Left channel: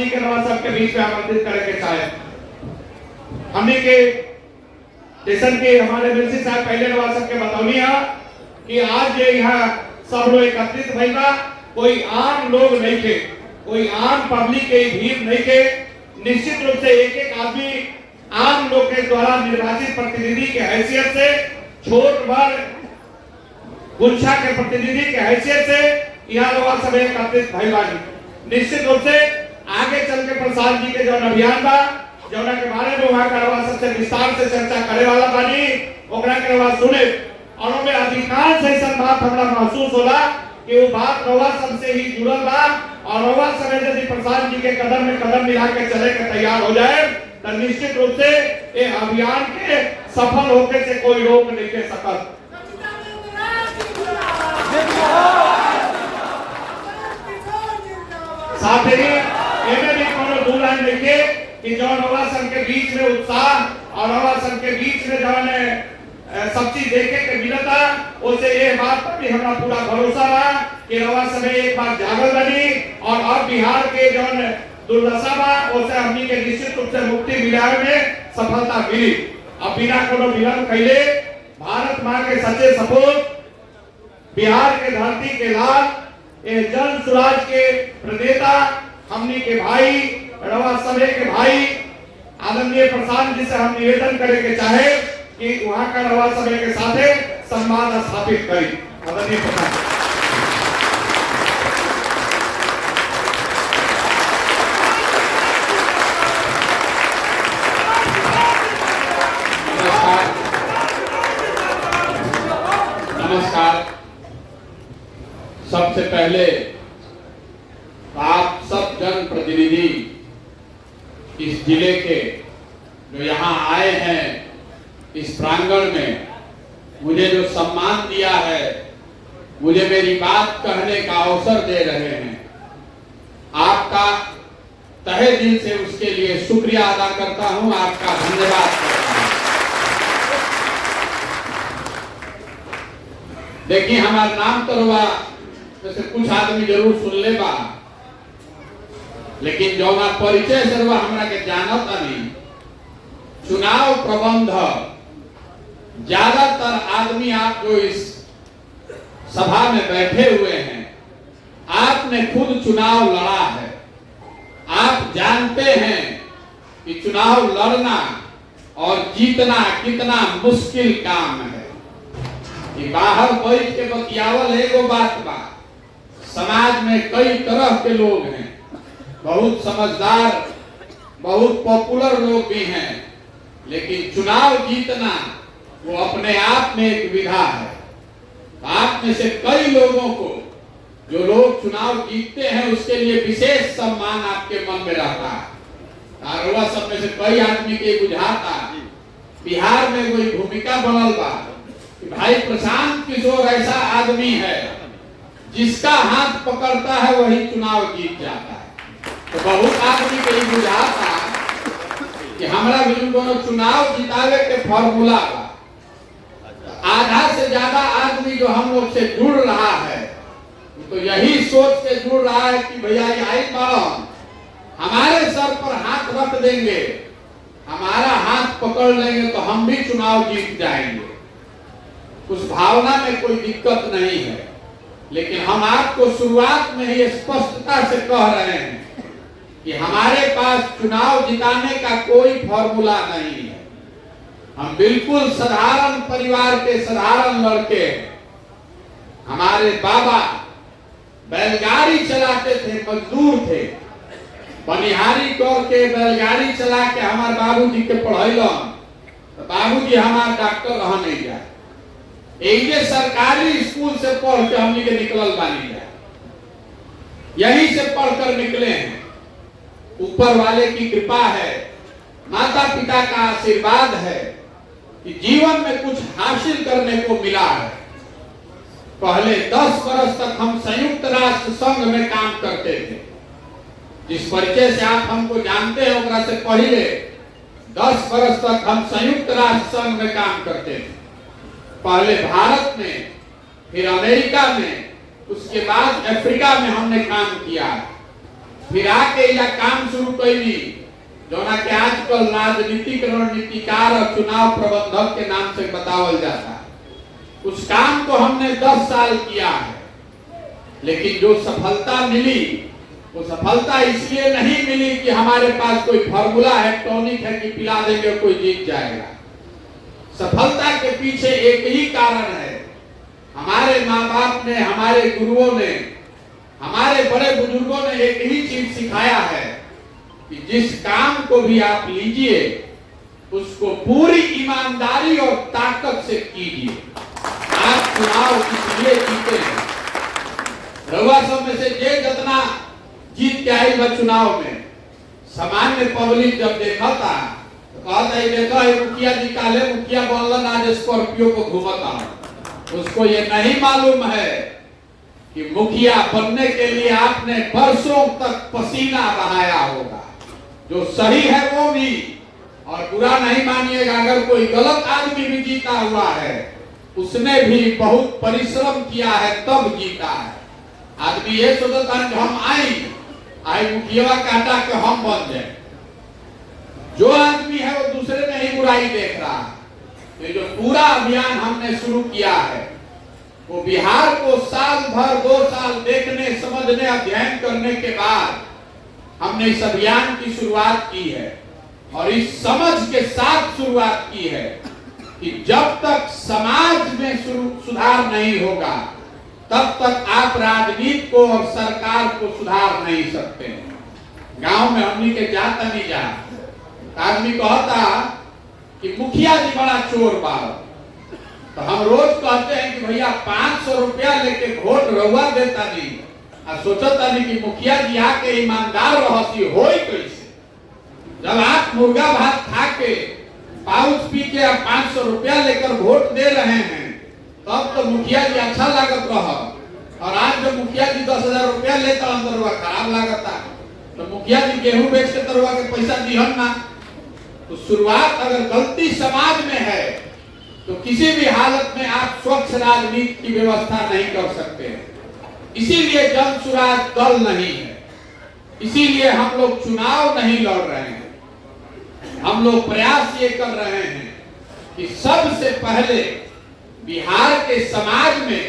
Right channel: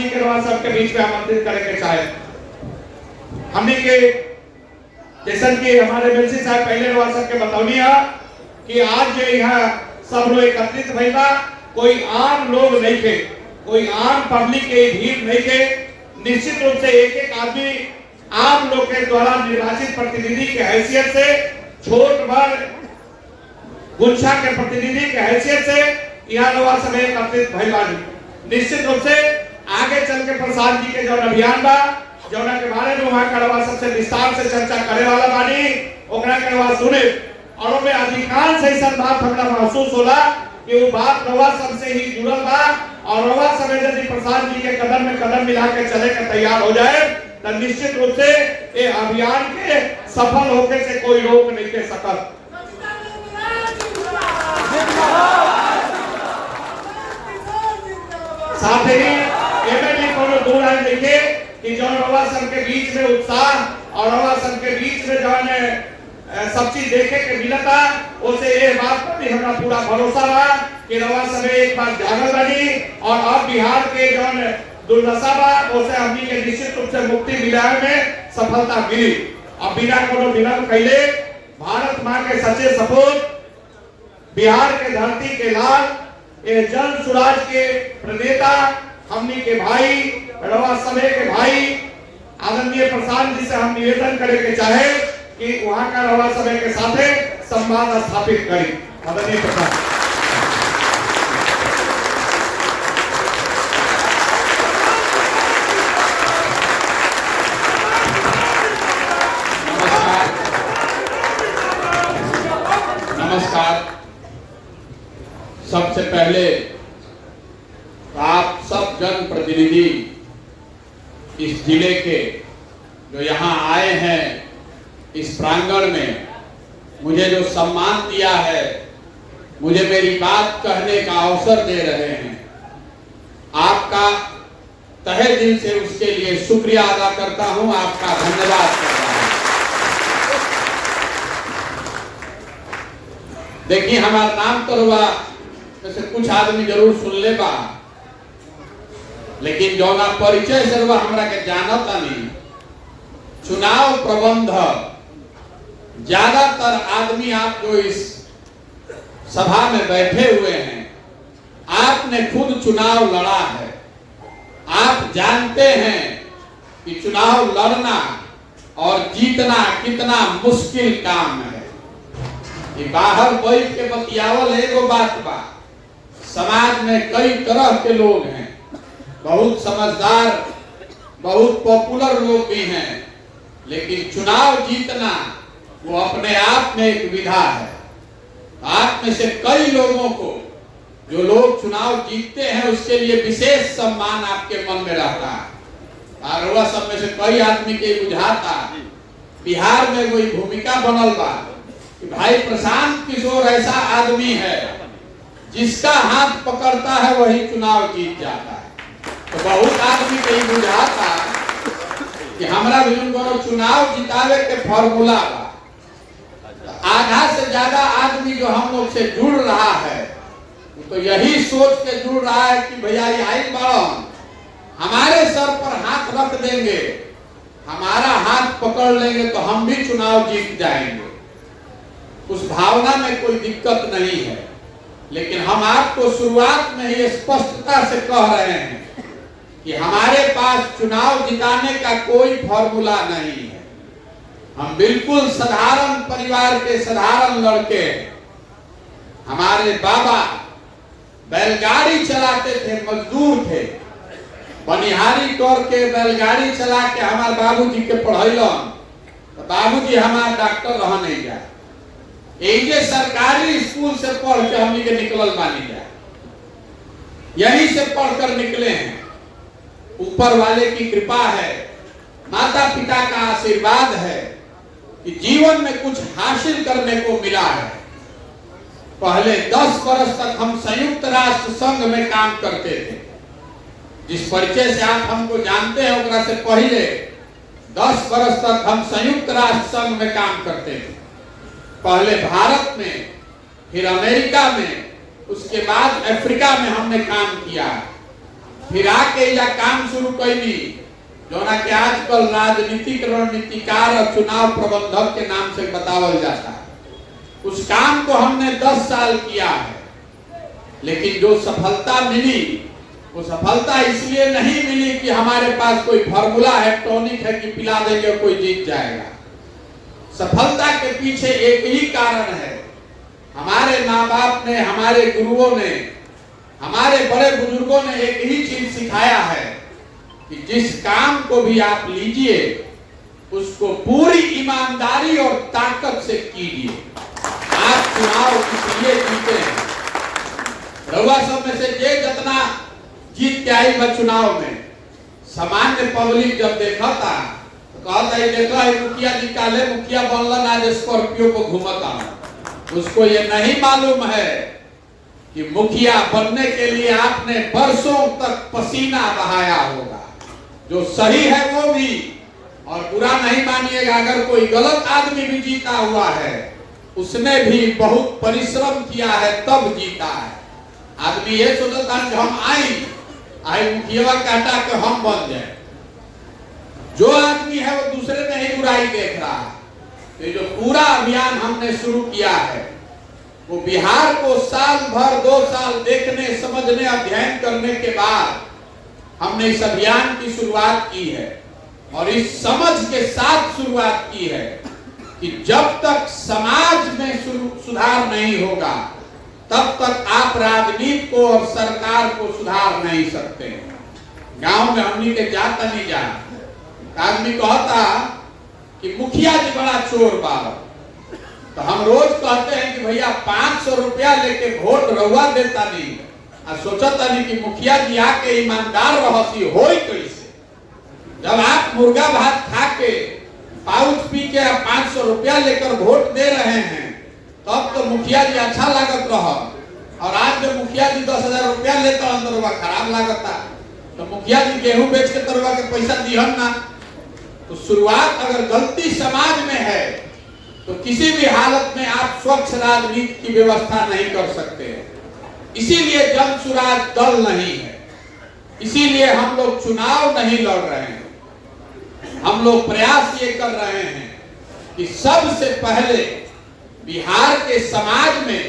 जी के रवा सबके बीच में आमंत्रित करके चाहे हमने के जैसन के हमारे मिलसी साहब पहले रवा सबके बतौनी है कि आज जो यहाँ सब लोग एकत्रित भइला, कोई आम लोग नहीं थे, कोई आम पब्लिक के भीड़ नहीं थे। निश्चित रूप से एक एक आदमी आम लोग के द्वारा निर्वाचित प्रतिनिधि के हैसियत से, छोट बड़ गुच्छा के प्रतिनिधि के हैसियत से यहाँ लोग सब एकत्रित भइला। निश्चित रूप से आगे चल के प्रसाद जी के जो अभियान बा, जो के बारे में वहाँ का सबसे विस्तार से चर्चा करे वाला बानी, ओकरा के आवाज सुने और में अधिकांश ऐसा बात हमरा महसूस होला कि वो बात रवा सबसे ही जुड़ल बा और रवा सब यदि प्रसाद जी के कदम में कदम मिला के चले के तैयार हो जाए तो निश्चित रूप से ये अभियान के सफल होने से कोई रोक नहीं दे सकता। साथ ही एमे भी कोनो दूर है देखे कि जो रवा सब के बीच में उत्साह और रवा सब के बीच में जो है सब चीज देखे के मिलता, उसे ये बात पर भी हमारा पूरा भरोसा बा कि रवा सब एक बार जागल बनी और अब बिहार के जो दुर्दशा बा उसे हमनी के निश्चित रूप से मुक्ति दिलाने में सफलता मिली। अब बिना कोनो विलंब कैले भारत मां के सच्चे सपूत, बिहार के धरती के लाल, ये जन स्वराज के प्रणेता हमनी के भाई रवा सभे के भाई आदरणीय प्रसाद जी से हम निवेदन करे के चाहे कि वहां का रवा सभे के साथे संवाद स्थापित करें। आदरणीय प्रसाद नमस्कार। सबसे पहले आप सब जनप्रतिनिधि इस जिले के जो यहाँ आए हैं इस प्रांगण में मुझे जो सम्मान दिया है, मुझे मेरी बात कहने का अवसर दे रहे हैं, आपका तहे दिल से उसके लिए शुक्रिया अदा करता हूं, आपका धन्यवाद करता हूं। देखिए हमारा नाम तो हुआ जैसे कुछ आदमी जरूर सुन लेगा, लेकिन जो ना परिचय से वह हमरा के जानता नहीं। चुनाव प्रबंध ज्यादातर आदमी आप जो इस सभा में बैठे हुए हैं, आपने खुद चुनाव लड़ा है। आप जानते हैं कि चुनाव लड़ना और जीतना कितना मुश्किल काम है। कि बाहर बैठ के बतियावल एगो बात बा, समाज में कई तरह के लोग हैं, बहुत समझदार, बहुत पॉपुलर लोग भी हैं, लेकिन चुनाव जीतना वो अपने आप में एक विधा है। आप में से कई लोगों को जो लोग चुनाव जीतते हैं उसके लिए विशेष सम्मान आपके मन में रहता है। और वह सब में से कई आदमी के बुझाता बिहार में कोई भूमिका बनल बा कि भाई प्रशांत किशोर ऐसा आदमी है जिसका हाथ पकड़ता है वही चुनाव जीत जाता है। तो बहुत आदमी के बुझाता कि हमारा भी उनको चुनाव जितावे के फॉर्मूला बा। आधा से ज्यादा आदमी जो हम लोग से जुड़ रहा है तो यही सोच के जुड़ रहा है कि भैया ये आई कौन हमारे सर पर हाथ रख देंगे, हमारा हाथ पकड़ लेंगे तो हम भी चुनाव जीत जाएंगे। उस भावना में कोई दिक्कत नहीं है, लेकिन हम आपको शुरुआत में ही स्पष्टता से कह रहे हैं कि हमारे पास चुनाव जिताने का कोई फॉर्मूला नहीं है। हम बिल्कुल साधारण परिवार के साधारण लड़के हैं। हमारे बाबा बैलगाड़ी चलाते थे, मजदूर थे, बनिहारी करके बैलगाड़ी चला के हमारे बाबूजी के पढ़ैलन तो बाबूजी हमारे डॉक्टर रह नहीं जाए। यही सरकारी स्कूल से पढ़ के हमनी के निकलल बानी जाए, यही से पढ़कर निकले हैं। ऊपर वाले की कृपा है, माता पिता का आशीर्वाद है कि जीवन में कुछ हासिल करने को मिला है। पहले 10 वर्ष तक हम संयुक्त राष्ट्र संघ में काम करते थे। जिस परिचय से आप हमको जानते हैं उनका से पहले 10 वर्ष तक हम संयुक्त राष्ट्र संघ में काम करते थे। पहले भारत में, फिर अमेरिका में, उसके बाद अफ्रीका में हमने काम किया। फिर आके या काम शुरू कैली जोना के आजकल राजनीतिक रणनीतिकार और चुनाव प्रबंधक के नाम से बतावल जाता है। उस काम को हमने 10 साल किया है, लेकिन जो सफलता मिली वो सफलता इसलिए नहीं मिली कि हमारे पास कोई फार्मूला है, टॉनिक है कि पिला देंगे कोई जीत जाएगा। सफलता के पीछे एक ही कारण है, हमारे माँ बाप ने, हमारे गुरुओं ने, हमारे बड़े बुजुर्गों ने एक ही चीज सिखाया है कि जिस काम को भी आप लीजिए उसको पूरी ईमानदारी और ताकत से कीजिए। आप चुनाव इसलिए जीते हैं, रउआ सब में से जे जितना जीत के आई वह चुनाव में, सामान्य पब्लिक जब देखा था तो कहता है देखा है मुखिया जी काले मुखिया बनलन आज स्कॉर्पियो को घूमता। उसको ये नहीं मालूम है कि मुखिया बनने के लिए आपने बरसों तक पसीना बहाया होगा। जो सही है वो भी, और बुरा नहीं मानिएगा अगर कोई गलत आदमी भी जीता हुआ है, उसने भी बहुत परिश्रम किया है तब जीता है। आदमी ये सोचता है कि हम आई मुखिया काटा के हम बन जाए। जो आदमी है वो दूसरे में ही बुराई देख रहा है। तो जो पूरा अभियान हमने शुरू किया है वो बिहार को साल भर 2 साल देखने, समझने, अध्ययन करने के बाद हमने इस अभियान की शुरुआत की है। और इस समझ के साथ शुरुआत की है कि जब तक समाज में सुधार नहीं होगा तब तक आप राजनीति को और सरकार को सुधार नहीं सकते। गांव में हमनी के जाता नहीं जा, आदमी कहता कि मुखिया जी बड़ा चोर बा, तो हम रोज कहते हैं कि भैया 500 रुपया लेके वोट रउआ देता नहीं, सोचता नहीं कि मुखिया जी आके ईमानदार रहती होई कैसे। जब आप मुर्गा भात खा के पाउच पी के 500 रुपया लेकर वोट दे रहे हैं तब तो मुखिया जी अच्छा लागत रहा, और आज जब मुखिया जी 10,000 रुपया लेता अंदर खराब लागता, तो मुखिया जी गेहूं बेच के तरवा के पैसा दिहन ना। तो शुरुआत अगर गलती समाज में है तो किसी भी हालत में आप स्वच्छ राजनीति की व्यवस्था नहीं कर सकते। इसीलिए जन सुराज दल नहीं है, इसीलिए हम लोग चुनाव नहीं लड़ रहे हैं। हम लोग प्रयास ये कर रहे हैं कि सबसे पहले बिहार के समाज में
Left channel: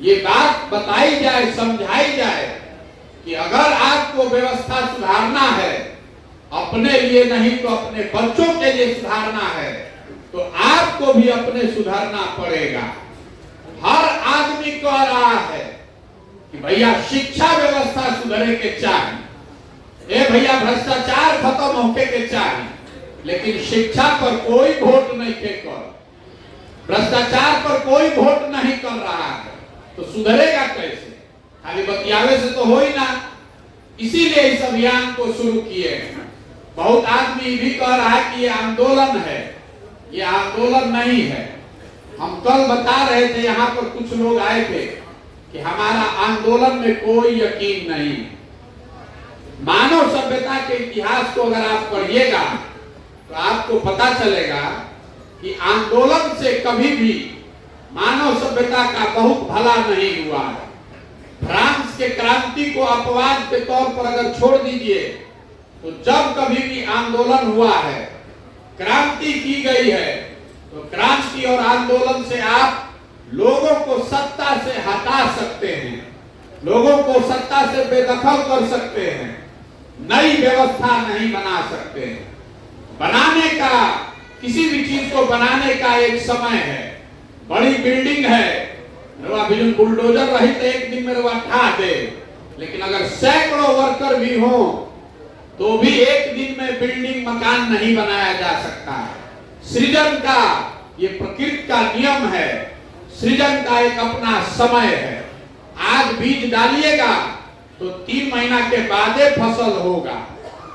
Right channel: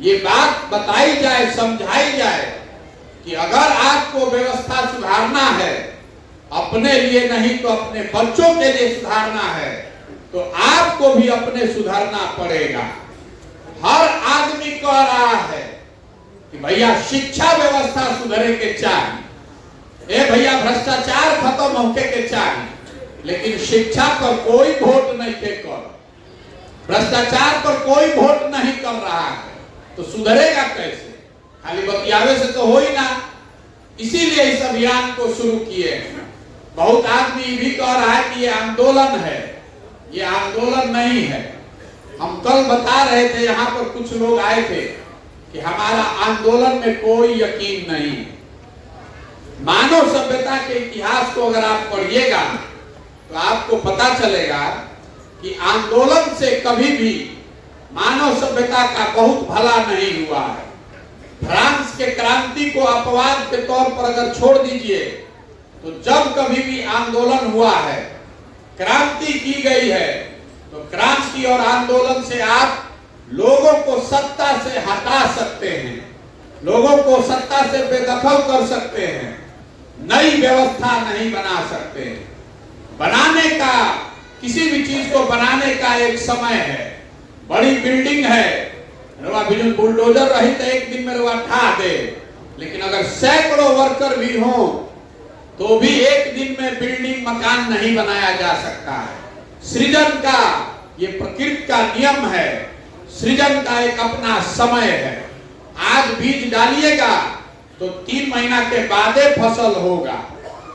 ये बात बताई जाए, समझाई जाए कि अगर आपको व्यवस्था सुधारना है, अपने लिए नहीं तो अपने बच्चों के लिए सुधारना है, तो आपको भी अपने सुधारना पड़ेगा। हर आदमी कह रहा है कि भैया शिक्षा व्यवस्था सुधरे के चाहिए, भैया भ्रष्टाचार खत्म होके के चाहिए, लेकिन शिक्षा पर कोई वोट नहीं कर, भ्रष्टाचार पर कोई वोट नहीं कर रहा है, तो सुधरेगा कैसे? खाली बतियावे से तो हो ही ना। इसीलिए इस अभियान को शुरू किए हैं। बहुत आदमी भी कह रहा है कि ये आंदोलन है, ये आंदोलन नहीं है। हम कल बता रहे थे, यहाँ पर कुछ लोग आए थे कि हमारा आंदोलन में कोई यकीन नहीं। मानव सभ्यता के इतिहास को अगर आप पढ़िएगा तो आपको पता चलेगा कि आंदोलन से कभी भी मानव सभ्यता का बहुत भला नहीं हुआ है। फ्रांस के क्रांति को अपवाद के तौर पर अगर छोड़ दीजिए तो जब कभी भी आंदोलन हुआ है, क्रांति की गई है, तो क्रांति और आंदोलन से आप लोगों को सत्ता से हटा सकते हैं, लोगों को सत्ता से बेदखल कर सकते हैं, नई व्यवस्था नहीं बना सकते। बनाने का, किसी भी चीज को बनाने का एक समय है। बड़ी बिल्डिंग है, बुलडोजर रही तो एक दिन में ढा दे, लेकिन अगर सैकड़ों वर्कर भी हो तो भी एक दिन में बिल्डिंग मकान नहीं बनाया जा सकता है। सृजन का ये प्रकृति का नियम है, सृजन का एक अपना समय है। आज बीज डालिएगा तो 3 महीना के बाद फसल होगा।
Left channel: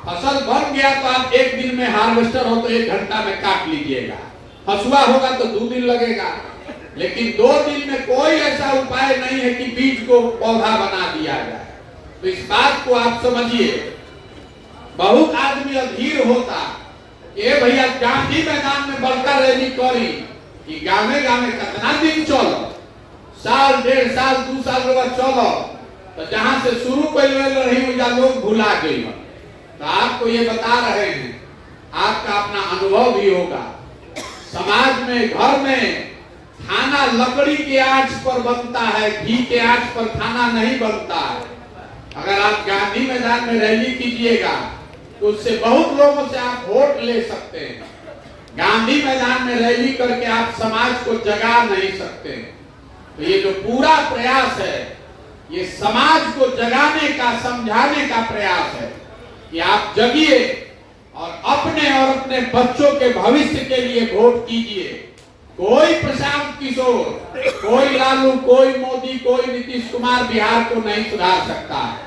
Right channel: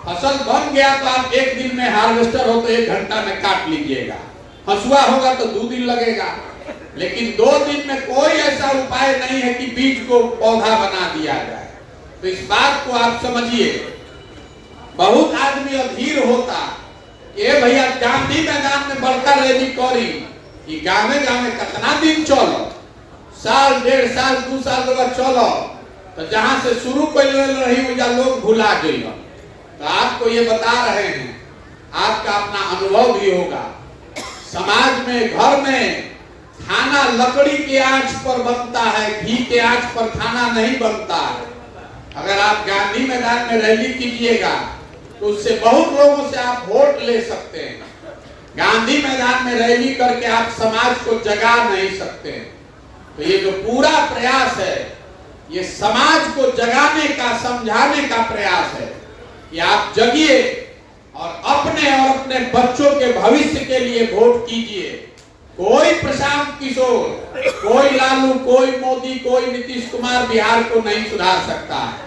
फसल बन गया तो आप एक दिन में, हार्वेस्टर हो तो 1 घंटा में काट लीजिएगा, हसुआ होगा तो 2 दिन लगेगा, लेकिन 2 दिन में कोई ऐसा उपाय नहीं है कि बीज को पौधा बना दिया जाए। तो इस बात को आप समझिए। बहुत आदमी अधीर होता, ये भैया गांधी मैदान में बड़का रैली करी कि गावे गावे कितना दिन चलो, साल 1.5 साल 2 साल चलो, तो जहां से शुरू कर रही ऊर्जा लोग भुला गई। तो आपको ये बता रहे हैं, आपका अपना अनुभव भी होगा। समाज में, घर में खाना लकड़ी की आंच पर बनता है, घी के आंच पर खाना नहीं बनता है। अगर आप गांधी मैदान में रैली कीजिएगा तो उससे बहुत लोगों से आप वोट ले सकते हैं। गांधी मैदान में रैली करके आप समाज को जगा नहीं सकते। तो ये जो पूरा प्रयास है, ये समाज को जगाने का, समझाने का प्रयास है कि आप जगिए और अपने बच्चों के भविष्य के लिए वोट कीजिए। कोई प्रशांत किशोर, कोई लालू, कोई मोदी, कोई नीतीश कुमार बिहार को नहीं सुधार सकता है।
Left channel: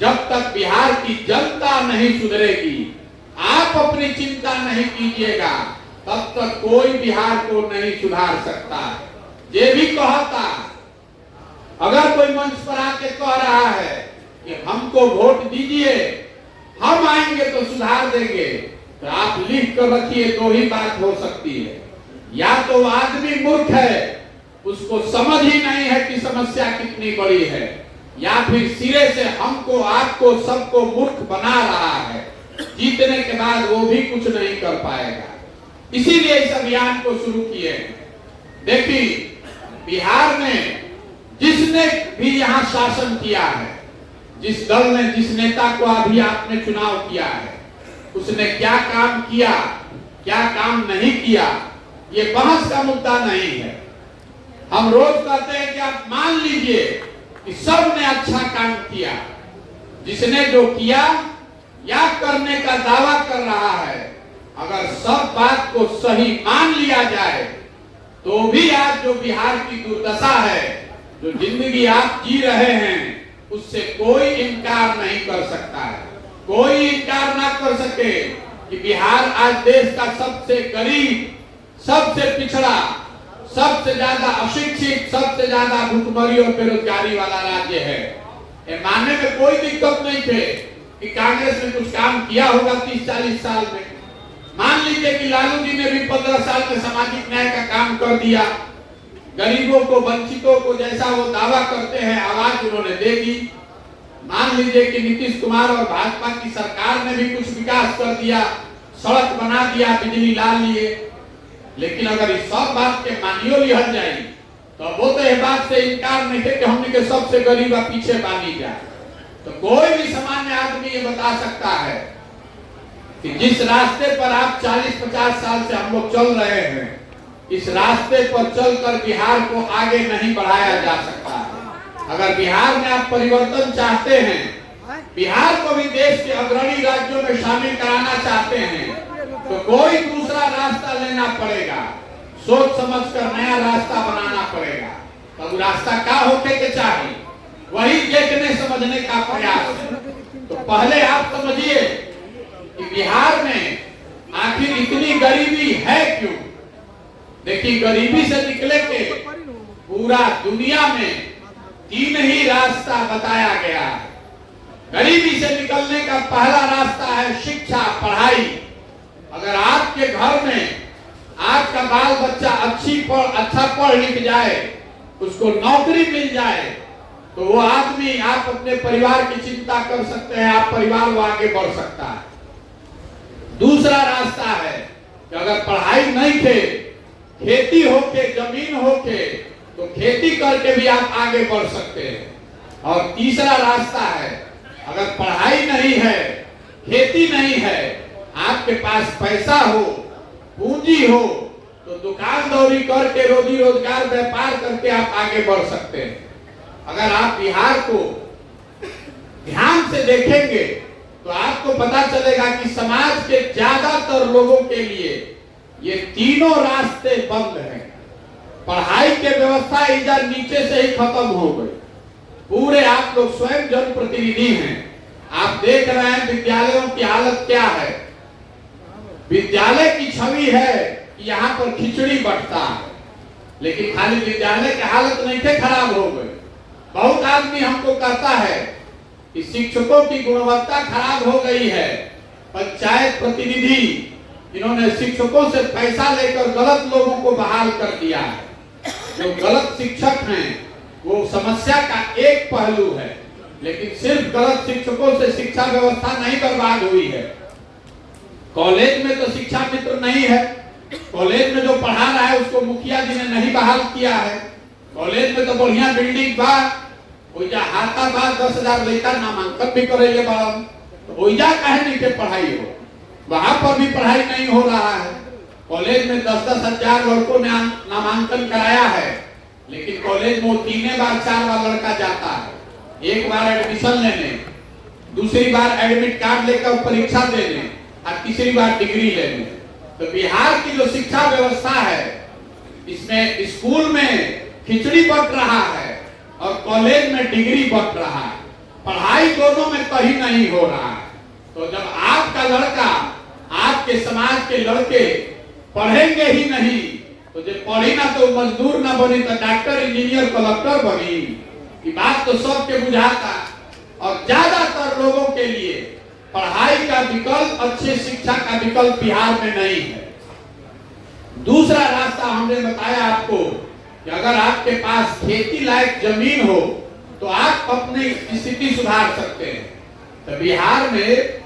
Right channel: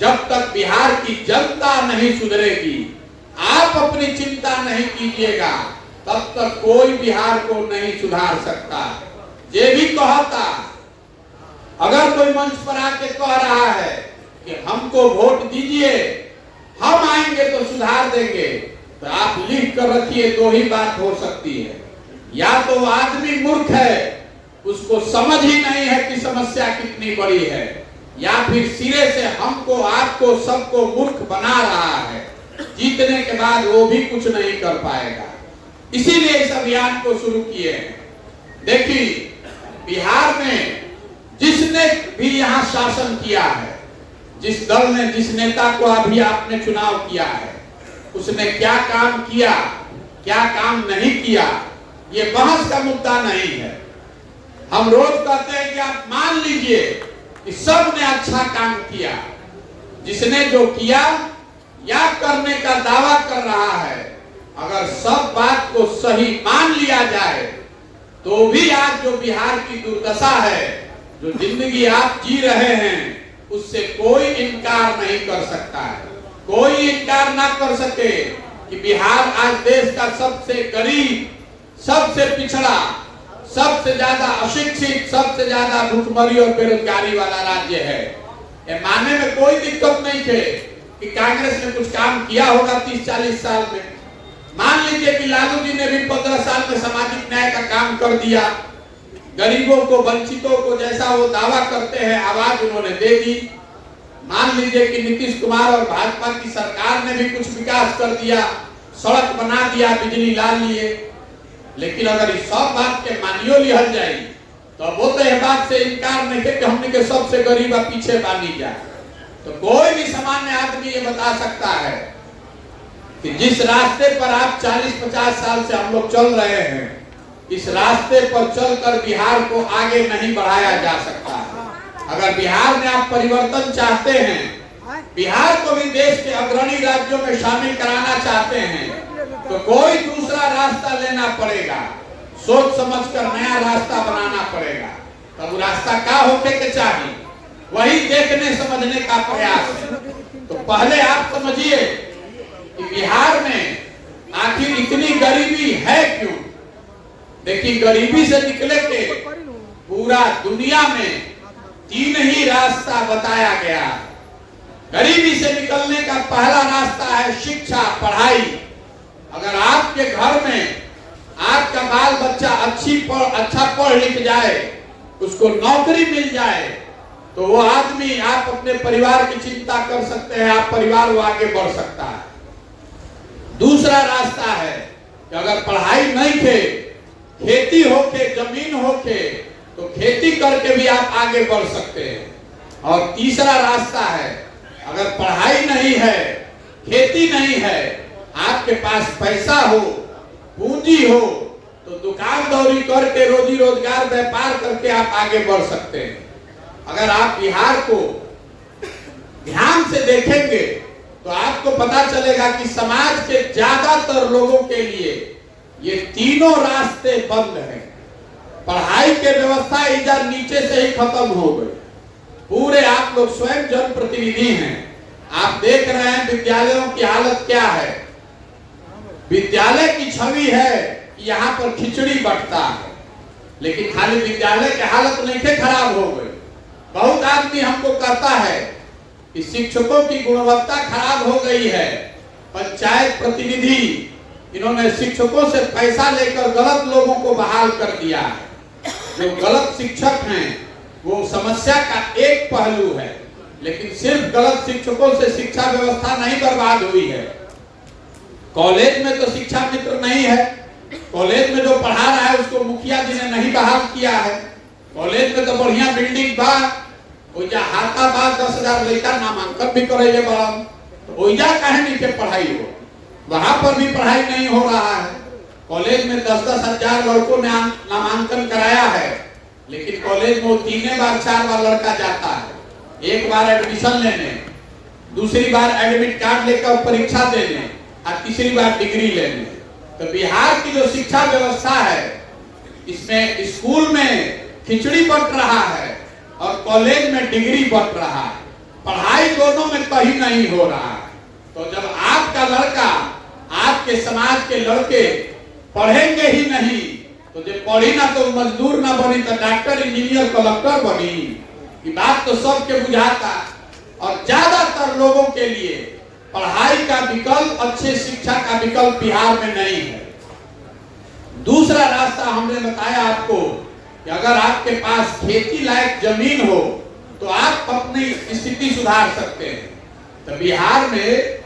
जब तक बिहार की जनता नहीं सुधरेगी, आप अपनी चिंता नहीं कीजिएगा, तब तक कोई बिहार को नहीं सुधार सकता। ये भी कहता, अगर कोई मंच पर आके कह रहा है कि हमको वोट दीजिए, हम आएंगे तो सुधार देंगे, तो आप लिख कर रखिए, दो ही बात हो सकती है। या तो आदमी मूर्ख है, उसको समझ ही नहीं है कि समस्या कितनी बड़ी है, या फिर सिरे से हमको, आपको, सबको मूर्ख बना रहा है। जीतने के बाद वो भी कुछ नहीं कर पाएगा। इसीलिए इस अभियान को शुरू किए हैं। देखिए, बिहार में जिसने भी यहाँ शासन किया है, जिस दल ने, जिस नेता को अभी आपने चुनाव किया है, उसने क्या काम किया, क्या काम नहीं किया, ये बहस का मुद्दा नहीं है। हम रोज कहते हैं कि आप मान लीजिए कि सब ने अच्छा काम किया। जिसने जो किया या करने का दावा कर रहा है, अगर सब बात को सही मान लिया जाए तो भी आज जो बिहार की दुर्दशा है, जो जिंदगी आप जी रहे हैं, उससे कोई इनकार नहीं कर सकता है। कोई इनकार ना कर सके कि बिहार आज देश का सबसे गरीब, सबसे पिछड़ा, सबसे ज्यादा अशिक्षित, सबसे ज्यादा भूखमरी और बेरोजगारी वाला राज्य है। ये मानने में कोई दिक्कत नहीं थे कि कांग्रेस ने कुछ काम किया होगा 30-40 साल में। मान लीजिए कि लालू जी ने भी 15 साल में सामाजिक न्याय का काम कर दिया, गरीबों को, वंचितों को जैसा वो दावा करते हैं आवाज उन्होंने दे दी। मान लीजिए कि नीतीश कुमार और भाजपा की सरकार ने भी कुछ विकास कर दिया, सड़क बना दिया, बिजली ला लिए। लेकिन अगर इस सब बात के मानियो लिहल जाए तो वो तो इस बात से इनकार नहीं है कि हमने के सबसे गरीब पीछे बानी जाए। तो कोई भी सामान्य आदमी ये बता सकता है कि जिस रास्ते पर आप 40-50 साल से हम लोग चल रहे हैं, इस रास्ते पर चलकर बिहार को आगे नहीं बढ़ाया जा सकता। अगर बिहार में आप परिवर्तन चाहते हैं, बिहार को भी देश के अग्रणी राज्यों में शामिल कराना चाहते हैं, तो कोई दूसरा रास्ता लेना पड़ेगा, सोच समझकर नया रास्ता बनाना पड़ेगा। तब रास्ता क्या होके के चाहिए, वही देखने समझने का प्रयास है। तो पहले आप समझिए कि बिहार में आखिर इतनी गरीबी है क्यों। देखिए, गरीबी से निकले के पूरा दुनिया में 3 ही रास्ता बताया गया। गरीबी से निकलने का पहला रास्ता है शिक्षा, पढ़ाई। अगर आपके घर में आपका बाल बच्चा अच्छा पढ़ लिख जाए, उसको नौकरी मिल जाए, तो वो आदमी, आप अपने परिवार की चिंता कर सकते हैं, आप परिवार वो आगे बढ़ सकता है। दूसरा रास्ता है कि अगर पढ़ाई नहीं थे, खेती होके, जमीन होके, तो खेती करके भी आप आगे बढ़ सकते हैं। और तीसरा रास्ता है, अगर पढ़ाई नहीं है, खेती नहीं है, आपके पास पैसा हो, पूंजी हो, तो दुकानदारी करके, रोजी रोजगार, व्यापार करके आप आगे बढ़ सकते हैं। अगर आप बिहार को ध्यान से देखेंगे तो आपको पता चलेगा कि समाज के ज्यादातर लोगों के लिए ये तीनों रास्ते बंद हैं। पढ़ाई के व्यवस्था इधर नीचे से ही खत्म हो गई। पूरे आप लोग स्वयं जनप्रतिनिधि हैं, आप देख रहे हैं विद्यालयों की हालत क्या है। विद्यालय की छवि है कि यहाँ पर खिचड़ी बंटता है, लेकिन खाली विद्यालय की हालत नहीं थे, खराब हो गई। बहुत आदमी हमको कहता है कि शिक्षकों की गुणवत्ता खराब हो गई है। पंचायत प्रतिनिधि इन्होंने शिक्षकों से पैसा लेकर गलत लोगों को बहाल कर दिया है। जो गलत शिक्षक हैं वो समस्या का एक पहलू है। लेकिन सिर्फ गलत शिक्षकों से शिक्षा व्यवस्था नहीं बर्बाद हुई है। कॉलेज में तो शिक्षा मित्र नहीं है, कॉलेज में जो पढ़ा रहा है उसको मुखिया जी ने नहीं बहाल किया है। कॉलेज में तो बढ़िया बिल्डिंग बा, ओइजा हाथा बा, 10,000 लड़का नामांकन भी करेले बा, तो ओइजा काहे नहीं के पढ़ाई हो, वहां पर भी पढ़ाई नहीं हो रहा है। कॉलेज में 10-10 हजार लड़कों ने नामांकन कराया है, लेकिन कॉलेज में 3 बार 4 बार लड़का जाता है। एक बार एडमिशन लेने, दूसरी बार एडमिट कार्ड लेकर परीक्षा देने और तीसरी बार डिग्री लेने। तो बिहार की जो शिक्षा व्यवस्था है, इसमें स्कूल में खिचड़ी बंट रहा है और कॉलेज में डिग्री बंट रहा है, पढ़ाई दोनों में कहीं नहीं हो रहा है। तो जब आपका लड़का, आपके समाज के लड़के पढ़ेंगे ही नहीं, तो जो पढ़ी ना तो मजदूर ना बनी तो डॉक्टर, इंजीनियर, कलेक्टर बनी, ये बात तो सबके बुझाता। और ज्यादातर लोगों के लिए पढ़ाई का विकल्प, अच्छे शिक्षा का विकल्प बिहार में नहीं है। दूसरा रास्ता हमने बताया आपको कि अगर आपके पास खेती लायक जमीन हो तो आप अपनी स्थिति सुधार सकते हैं। तो बिहार में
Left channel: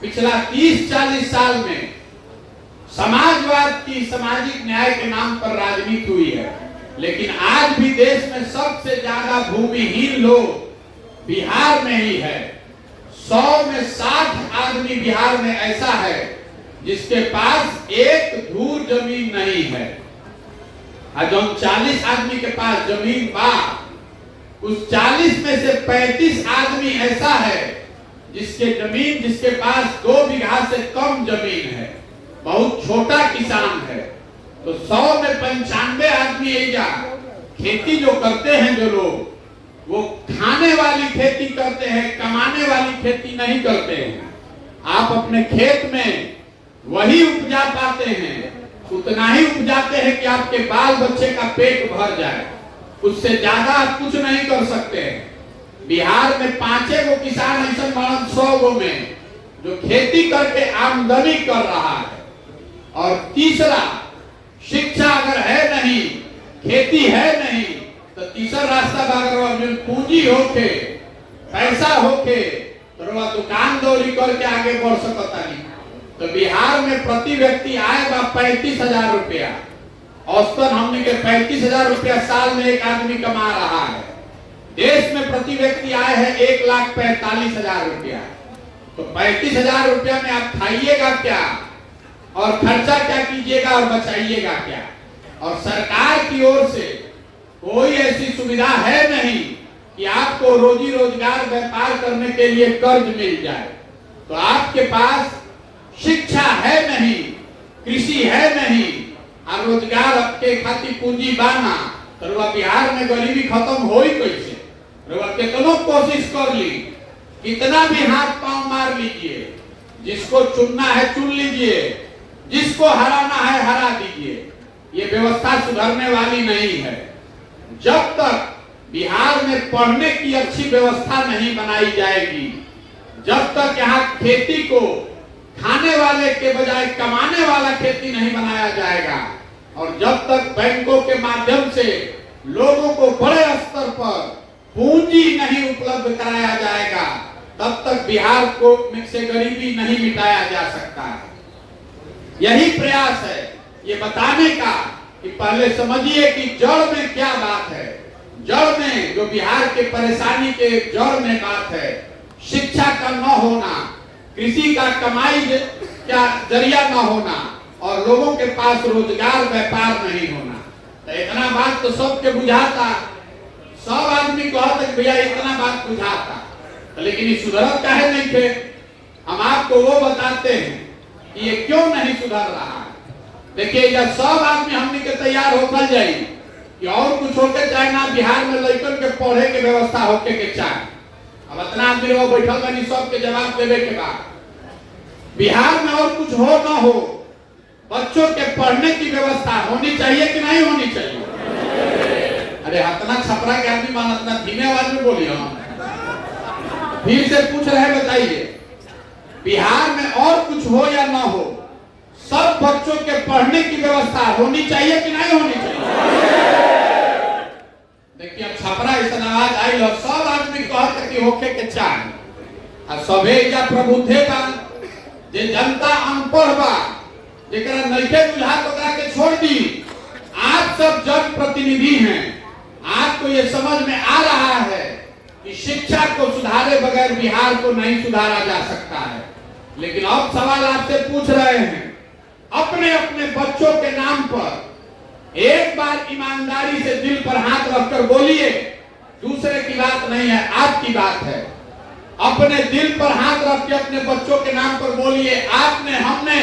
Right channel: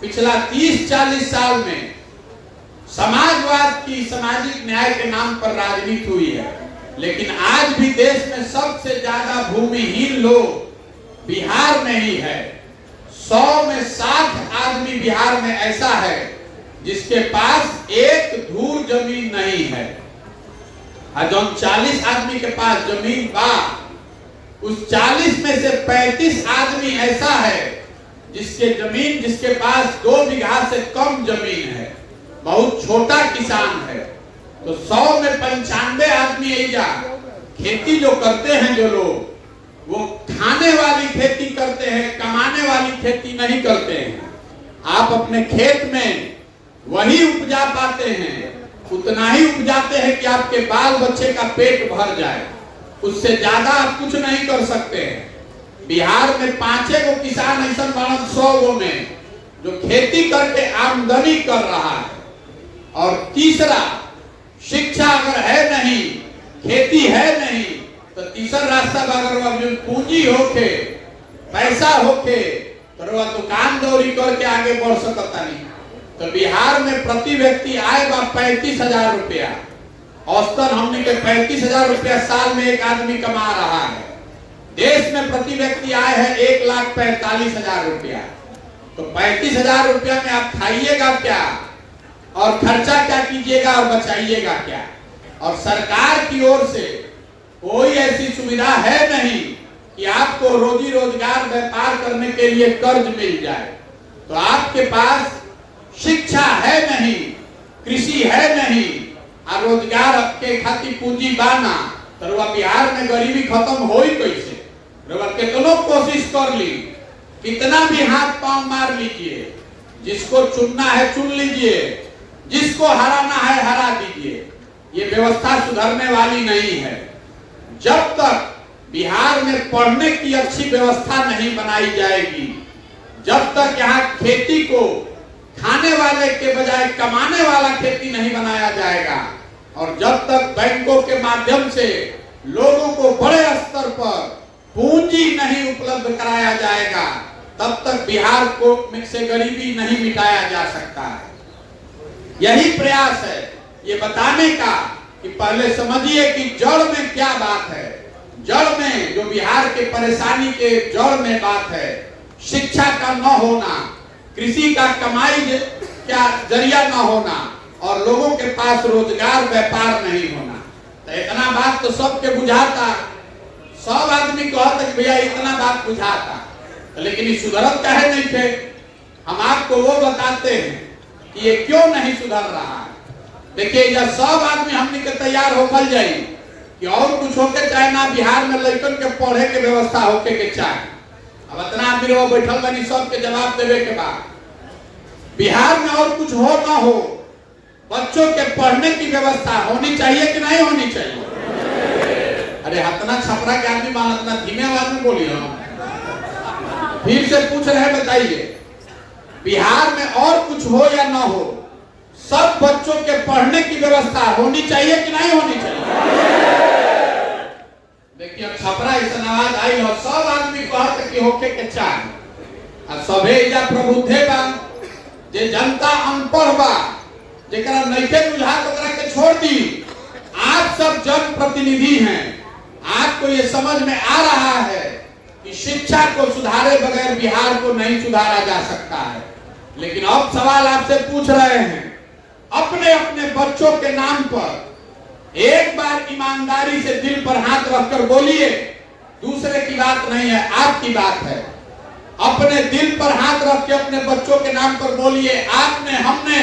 पिछला 30-40 साल में समाजवाद की, सामाजिक न्याय के नाम पर राजनीति हुई है, लेकिन आज भी देश में सबसे ज्यादा भूमिहीन लोग बिहार में ही है। 100 में 60 आदमी बिहार में ऐसा है जिसके पास एक धूर जमीन नहीं है। और जो 40 आदमी के पास जमीन बा, उस 40 में से 35 आदमी ऐसा है जिसके पास 2 बीघा से कम जमीन है, बहुत छोटा किसान है। तो 100 में 95 आदमी एजा खेती जो करते हैं, जो लोग वो खाने वाली खेती करते हैं, कमाने वाली खेती नहीं करते हैं। आप अपने खेत में वही उपजा पाते हैं, उतना ही उपजाते हैं कि आपके बाल बच्चे का पेट भर जाए, उससे ज्यादा आप कुछ नहीं कर सकते हैं। बिहार में 5 गो किसान ऐसा 100 गो में जो खेती करके आमदनी कर रहा है। और तीसरा, शिक्षा अगर है नहीं, खेती है नहीं, तो तीसरा रास्ता अगर पूंजी होके, पैसा होके, तो दुकान दौरी करके आगे बढ़ सकता नहीं। तो बिहार में प्रति व्यक्ति आय बा 35,000 रुपया, औसतन हमने के 35,000 रुपया साल में एक आदमी कमा रहा है। देश में प्रति व्यक्ति आय है 1,45,000 रुपया। तो 35,000 रुपया में आप खाइएगा क्या और खर्चा क्या कीजिएगा और बचाइएगा क्या? और सरकार की ओर से कोई ऐसी सुविधा है नहीं कि आपको रोजी रोजगार व्यापार करने के लिए कर्ज मिल जाए। तो आपके पास शिक्षा है नहीं, कृषि है नहीं, और रोजगार आपके खातिर पूंजी बाना, तो बिहार में गरीबी खत्म हो ही कैसे? कितनों कोशिश कर ली, कितना भी हाथ पांव मार लीजिए, जिसको चुनना है चुन लीजिए, जिसको हराना है हरा दीजिए, ये व्यवस्था सुधरने वाली नहीं है। जब तक बिहार में पढ़ने की अच्छी व्यवस्था नहीं बनाई जाएगी, जब तक यहाँ खेती को खाने वाले के बजाय कमाने वाला खेती नहीं बनाया जाएगा, और जब तक बैंकों के माध्यम से लोगों को बड़े स्तर पर पूंजी नहीं उपलब्ध कराया जाएगा, तब तक बिहार को से गरीबी नहीं मिटाया जा सकता है। यही प्रयास है ये बताने का कि पहले समझिए कि जड़ में क्या बात है। जड़ में जो बिहार के परेशानी के जड़ में बात है, शिक्षा का न होना, कृषि का कमाई का जरिया न होना, और लोगों के पास रोजगार व्यापार नहीं होना। तो इतना बात तो सबके बुझाता, सब आदमी कहते कि भैया इतना बात बुझाता, लेकिन ये सुधरत काहे नहीं थे? हम आपको वो बताते हैं कि ये क्यों नहीं सुधर रहा। देखिए, जब सब आदमी हमने के तैयार होकर जाए कि और कुछ होके चाहे ना, बिहार में लड़कन के पढ़े के व्यवस्था होके के चाहे, अब इतना आदमी वो बैठल बनी, सबके जवाब देवे के बाद बिहार में और कुछ हो ना हो, बच्चों के पढ़ने की व्यवस्था होनी चाहिए कि नहीं होनी चाहिए? अरे अपना छपरा के आदमी इतना धीमे आवाज में बोलिए, फिर से पूछ रहे, बताइए बिहार में और कुछ हो या ना हो, सब बच्चों के पढ़ने की व्यवस्था होनी चाहिए कि नहीं होनी चाहिए? देखिए, छपरा इस आवाज आई और सब आदमी आदमी कहत कि होके के चाहे आ सभे या प्रबुद्धे बा जे जनता अनपढ़ बा जेकरा नइखे बुझात ओकरा के छोड़ दी। आप सब जन प्रतिनिधि हैं, आपको ये समझ में आ रहा है कि शिक्षा को सुधारे बगैर बिहार को नहीं सुधारा जा सकता है। लेकिन अब सवाल आपसे पूछ रहे हैं, अपने अपने बच्चों के नाम पर एक बार ईमानदारी से दिल पर हाथ रखकर बोलिए, दूसरे की बात नहीं है, आपकी बात है। अपने दिल पर हाथ रख के अपने बच्चों के नाम पर बोलिए, आपने हमने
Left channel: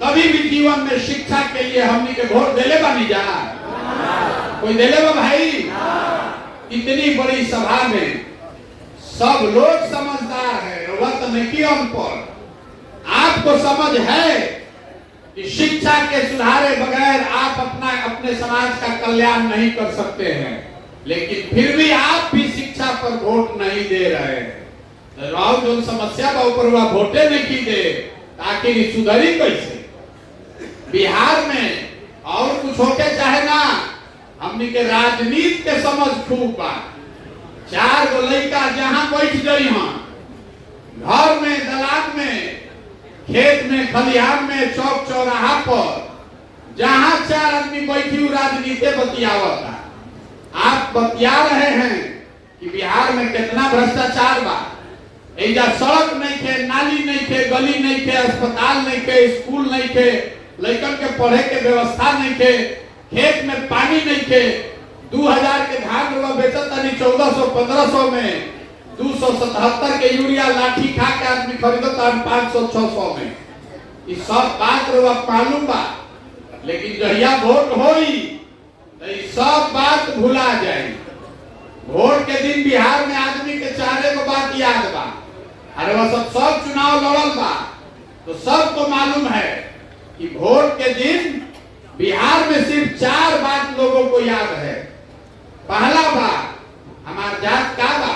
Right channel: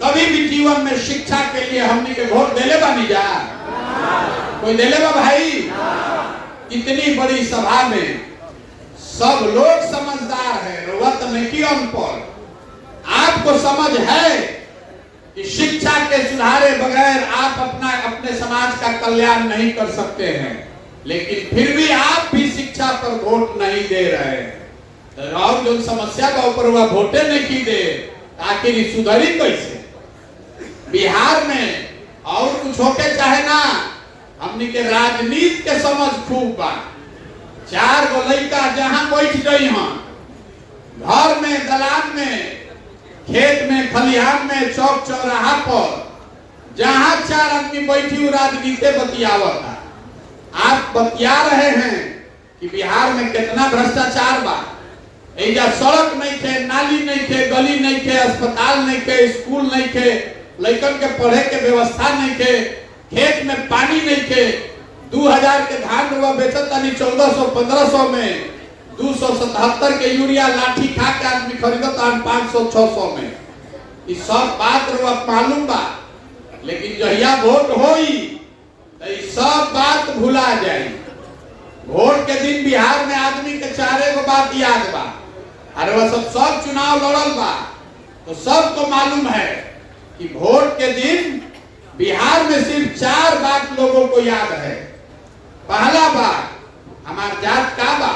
कभी भी जीवन में शिक्षा के लिए हमने के वोट देले बा नहीं जा? कोई देले बा भाई? इतनी बड़ी सभा में सब लोग समझदार है, वक्त में की अनपढ़। आपको समझ है कि शिक्षा के सुधारे बगैर आप अपने समाज का कल्याण नहीं कर सकते हैं, लेकिन फिर भी आप भी शिक्षा पर वोट नहीं दे रहे हैं। राव जो समस्या का ऊपर हुआ वोटे नहीं दे, आखिर सुधरी कैसे? बिहार में और कुछ होके चाहे ना, हमने के राजनीति के समझ खूब बा। 4 गो लड़का जहां बैठ गई हां, घर में, दलान में, खेत में, खलिहान में, चौक चौराहा पर, जहां 4 आदमी बैठी हुई राजनीति बतियावता। आप बतिया रहे हैं कि बिहार में कितना भ्रष्टाचार बा। एजा सड़क नहीं थे, नाली नहीं थे, गली नहीं थे, अस्पताल नहीं थे, स्कूल नहीं थे, लड़कन के पढ़े के व्यवस्था नहीं थे, खेत में पानी नहीं थे। 2000 के धान रुआ बेचत तानी 1400-1500 में, 277 के यूरिया लाठी खा के आदमी खरीदत तान 500-600 में। इस सब बात रुआ मालूम बा, लेकिन जहिया वोट होई तो इस सब बात भुला जाए। वोट के दिन बिहार में आदमी के 4 गो बात याद बा। अरे वह सब चुनाव लड़ल बा तो सबको मालूम है कि वोट के दिन बिहार में सिर्फ 4 बात लोगों को याद है। पहला बात, हमारा जात का बा,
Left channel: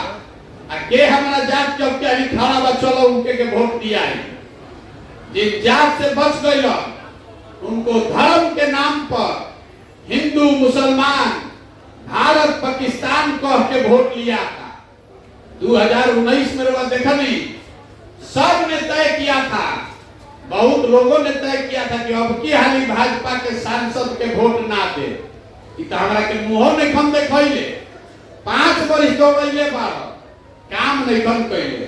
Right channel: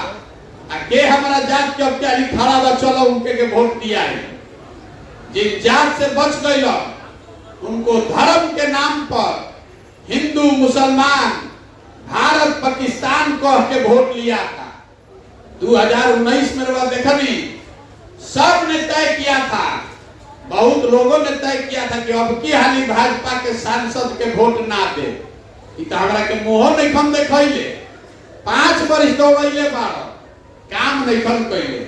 के हमारा जात के अत्यारी खड़ा बा, चलो उनके के वोट दिया है। जिन जात से बच गई उनको धर्म के नाम पर हिंदू मुसलमान भारत पाकिस्तान कह के वोट लिया था। 2019 में देखनी सब ने तय किया था, बहुत लोगों ने तय किया था कि अब की हाली भाजपा के सांसद के वोट ना दे। हमरा के मुंह नहीं खम देखले, 5 वर्ष हो गए काम नहीं खम कैले,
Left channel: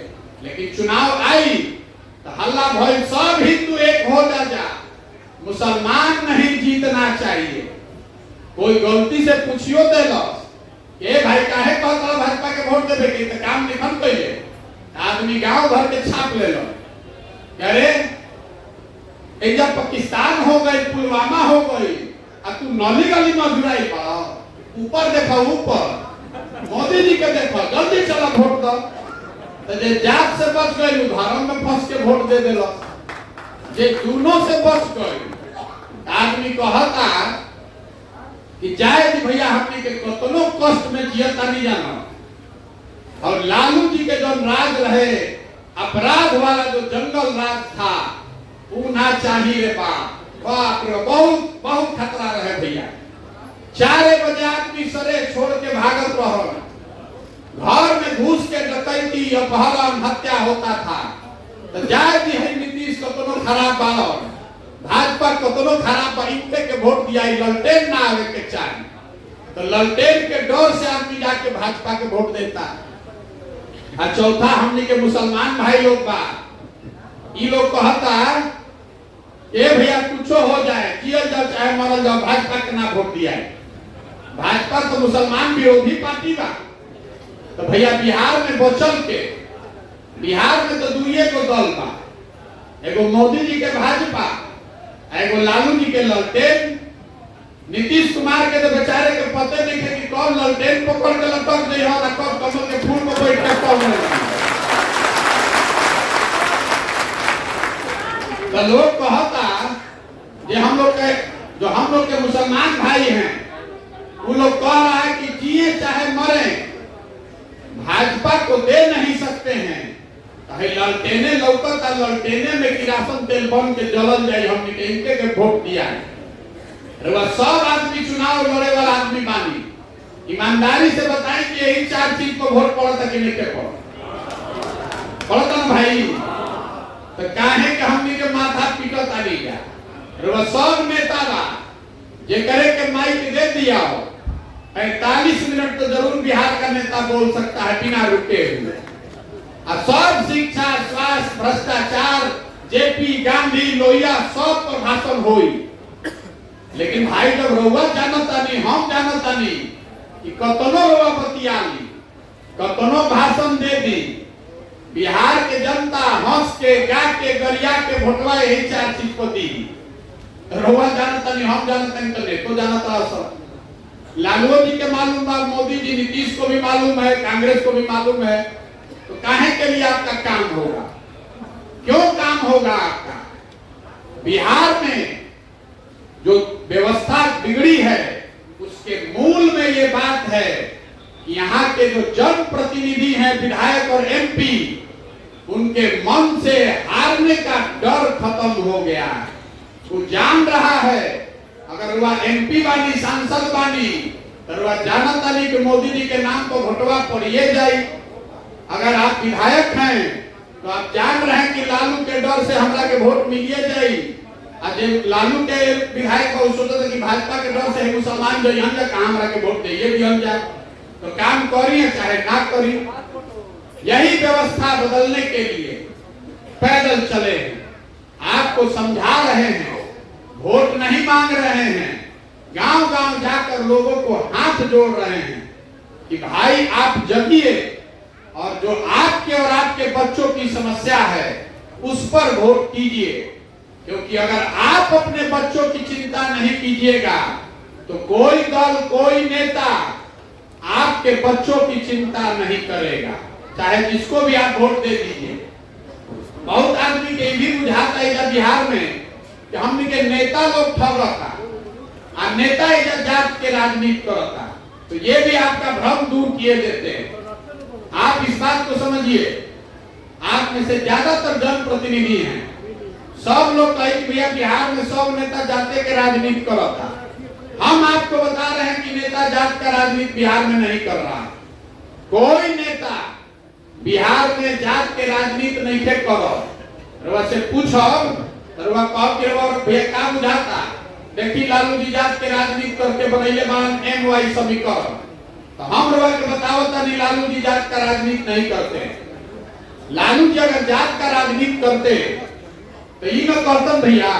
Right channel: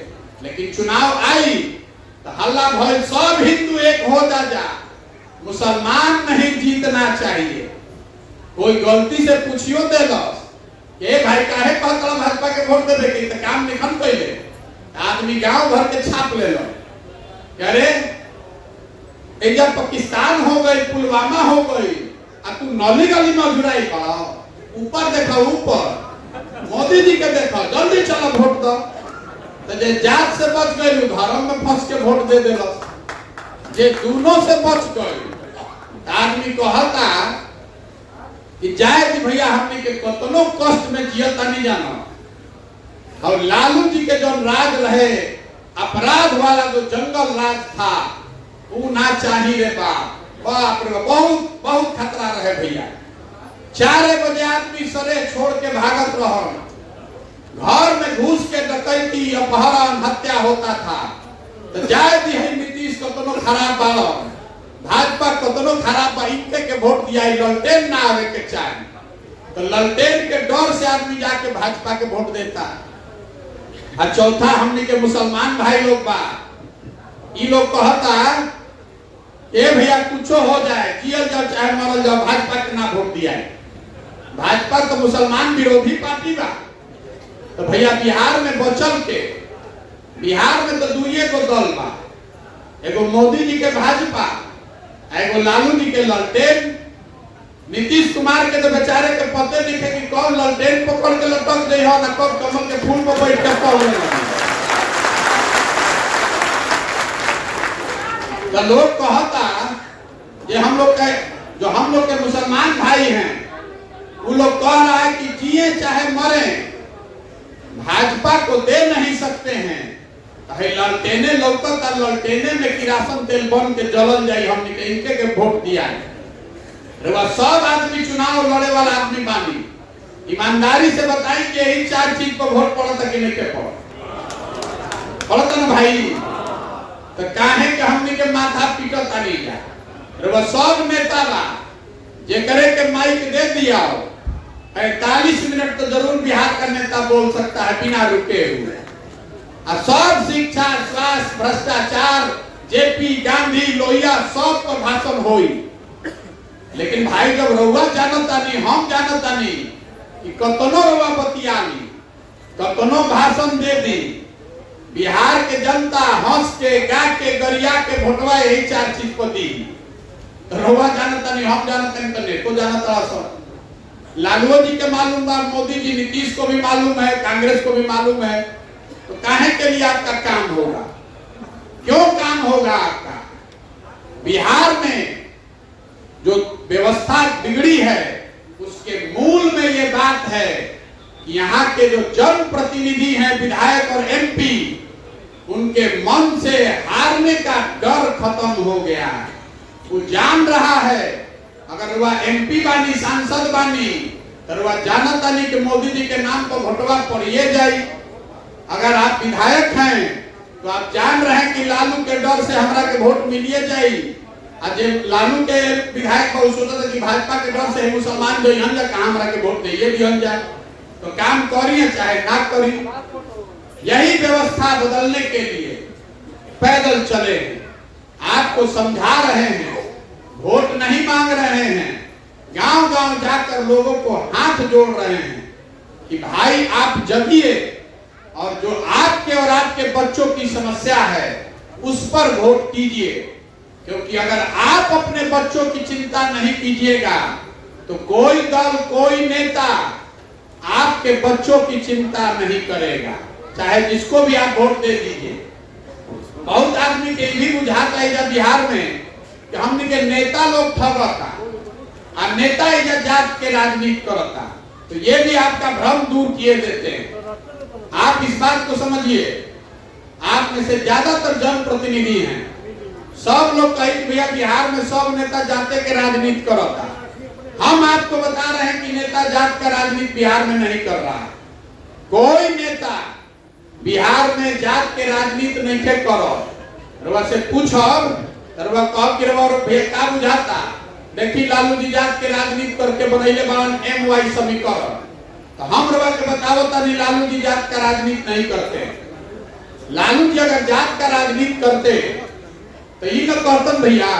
लेकिन चुनाव आई तो हल्ला भइल सब हिंदू एक हो जा, मुसलमान नहीं जीतना चाहिए। कोई गलती से पूछियो देलस ए भाई काहे कहत रहा भाजपा के वोट देबे की, तो काम नहीं खम कैले, आदमी गांव भर के छाप ले लो। अरे एजा पाकिस्तान हो गई, पुलवामा हो गई, अब तू नली गली में घुराई बा। ऊपर देखो, ऊपर मोदी जी के देखो, जल्दी चला वोट दो। तो जे जात से बच गई धर्म में फंस के वोट दे देलो, जे दोनों से बच गई आदमी कहता कि जाए कि भैया हमने के कतनो कष्ट में जियता नहीं जाना। और लालू जी के जो राज रहे, अपराध वाला जो जंगल राज था, वो ना चाहिए बाप रे, बहुत बहुत खतरा रहे भैया। 4 बजे आदमी सरे छोड़ के भागत रहो, घर में घुस के डकैती, अपहरण, हत्या होता था। तो जाए भी है नीतीश कतनो खराब बाड़ो, भाजपा कतनो खराब बा, इनके के वोट दिया, ललटेन ना आवे के चाहे, तो ललटेन के डर से आदमी जाके भाजपा के वोट देता। और चौथा हमने के मुसलमान भाई लोग बा, ये लोग कहता ए भैया कुछो हो जाए, जियल जाओ चाहे मरल जाओ, भाजपा के ना वोट दिया है। भाजपा तो मुसलमान विरोधी पार्टी बा। तो भैया बिहार में बचल के, बिहार में तो 2 गो दल बा, एगो मोदी जी के भाजपा, एगो लालू जी के ललटेन। नीतीश कुमार के तो बेचारे के पते नहीं थे कि कौन ललटेन पकड़ के लटक दे हो, कब कमल के फूल पर बैठ के कौन लगे। तो लोग कहता जे हम लोग के मुसलमान भाई हैं, वो लोग कह रहा है कि जिए चाहे मरे भाजपा को दे नहीं सकते हैं। ललटेने लौकता, ललटेने में किरासन तेल बन के जलन जाए, हमने के इनके के वोट दिया है। सब आदमी चुनाव लड़े वाला आदमी बानी, ईमानदारी से बताएं कि यही 4 चीज को वोट पड़ा कि नहीं के पड़ा ना भाई। तो काहे के हमनी के माथा पीटत आली जा रो सब नेता बा जे करे के माइक दे दिया हो 45 मिनट तो जरूर बिहार का नेता बोल सकता है बिना रुके हुए। और सब शिक्षा, स्वास्थ्य, भ्रष्टाचार, जेपी, गांधी, लोहिया सब पर भाषण होई। लेकिन भाई जब रउआ जानता नहीं, हम जानता नहीं कि कतनो रउआ बतियाली, कतनो भाषण दे दी, बिहार के जनता हंस के, गा के, गरिया के भोटवा यही 4 चीज को दी। तो रउआ जानता नहीं, हम जानते नहीं, तो देखो जानता सब। लालू जी के मालूम है, मोदी जी, नीतीश को भी मालूम है, कांग्रेस को भी मालूम है। तो काहे के लिए आपका काम होगा? क्यों काम होगा आपका? बिहार में जो व्यवस्था बिगड़ी है उसके मूल में ये बात है कि यहाँ के जो जनप्रतिनिधि हैं, विधायक और एमपी, उनके मन से हारने का डर खत्म हो गया। वो जान रहा है अगर वह एमपी बानी, सांसद बानी, तो वह जानता नहीं कि मोदी जी के नाम को भोटवा पड़िए जाए। अगर आप विधायक हैं तो आप जान रहे हैं कि लालू के डर से हमरा के वोट मिलिए जाए। आज लालू के विधायक को सोचते कि भाजपा के डर से मुसलमान जो हम जा कहां हमरा के वोट दिए भी हम जा। तो काम करिए चाहे ना करिए, यही व्यवस्था बदलने के लिए पैदल चले। आपको समझा रहे हैं, वोट नहीं मांग रहे हैं, गांव-गांव जाकर लोगों को हाथ जोड़ रहे हैं कि भाई आप जगिए और जो आपके और आपके बच्चों की समस्या है उस पर वोट कीजिए। क्योंकि अगर आप अपने बच्चों की चिंता नहीं कीजिएगा तो कोई दल, कोई नेता आपके बच्चों की चिंता नहीं करेगा, चाहे जिसको भी आप वोट दे दीजिए। बहुत आदमी के भी बुझाता है इधर बिहार में कि हमने के नेता लोग ठगता और नेता इधर जात के राजनीति करता। तो ये भी आपका भ्रम दूर किए देते हैं। आप इस बात को समझिए, आप में से ज्यादातर जनप्रतिनिधि हैं, सब लोग कहीं भैया बिहार में सब नेता जाते के राजनीति करता। हम आपको बता रहे हैं कि नेता जात का राजनीति बिहार में नहीं कर रहा। कोई नेता बिहार में जात के राजनीति नहीं के करो। रवा से पूछो, रवा कब के रवा भैया का बुझाता, देखी लालू जी जात के राजनीति करके बनैले बान एमवाई समीकरण। तो हम रवा के बताओ तनी लालू जी जात का राजनीति नहीं करते। लालू जी अगर जात का राजनीति करते तो ये कहते भैया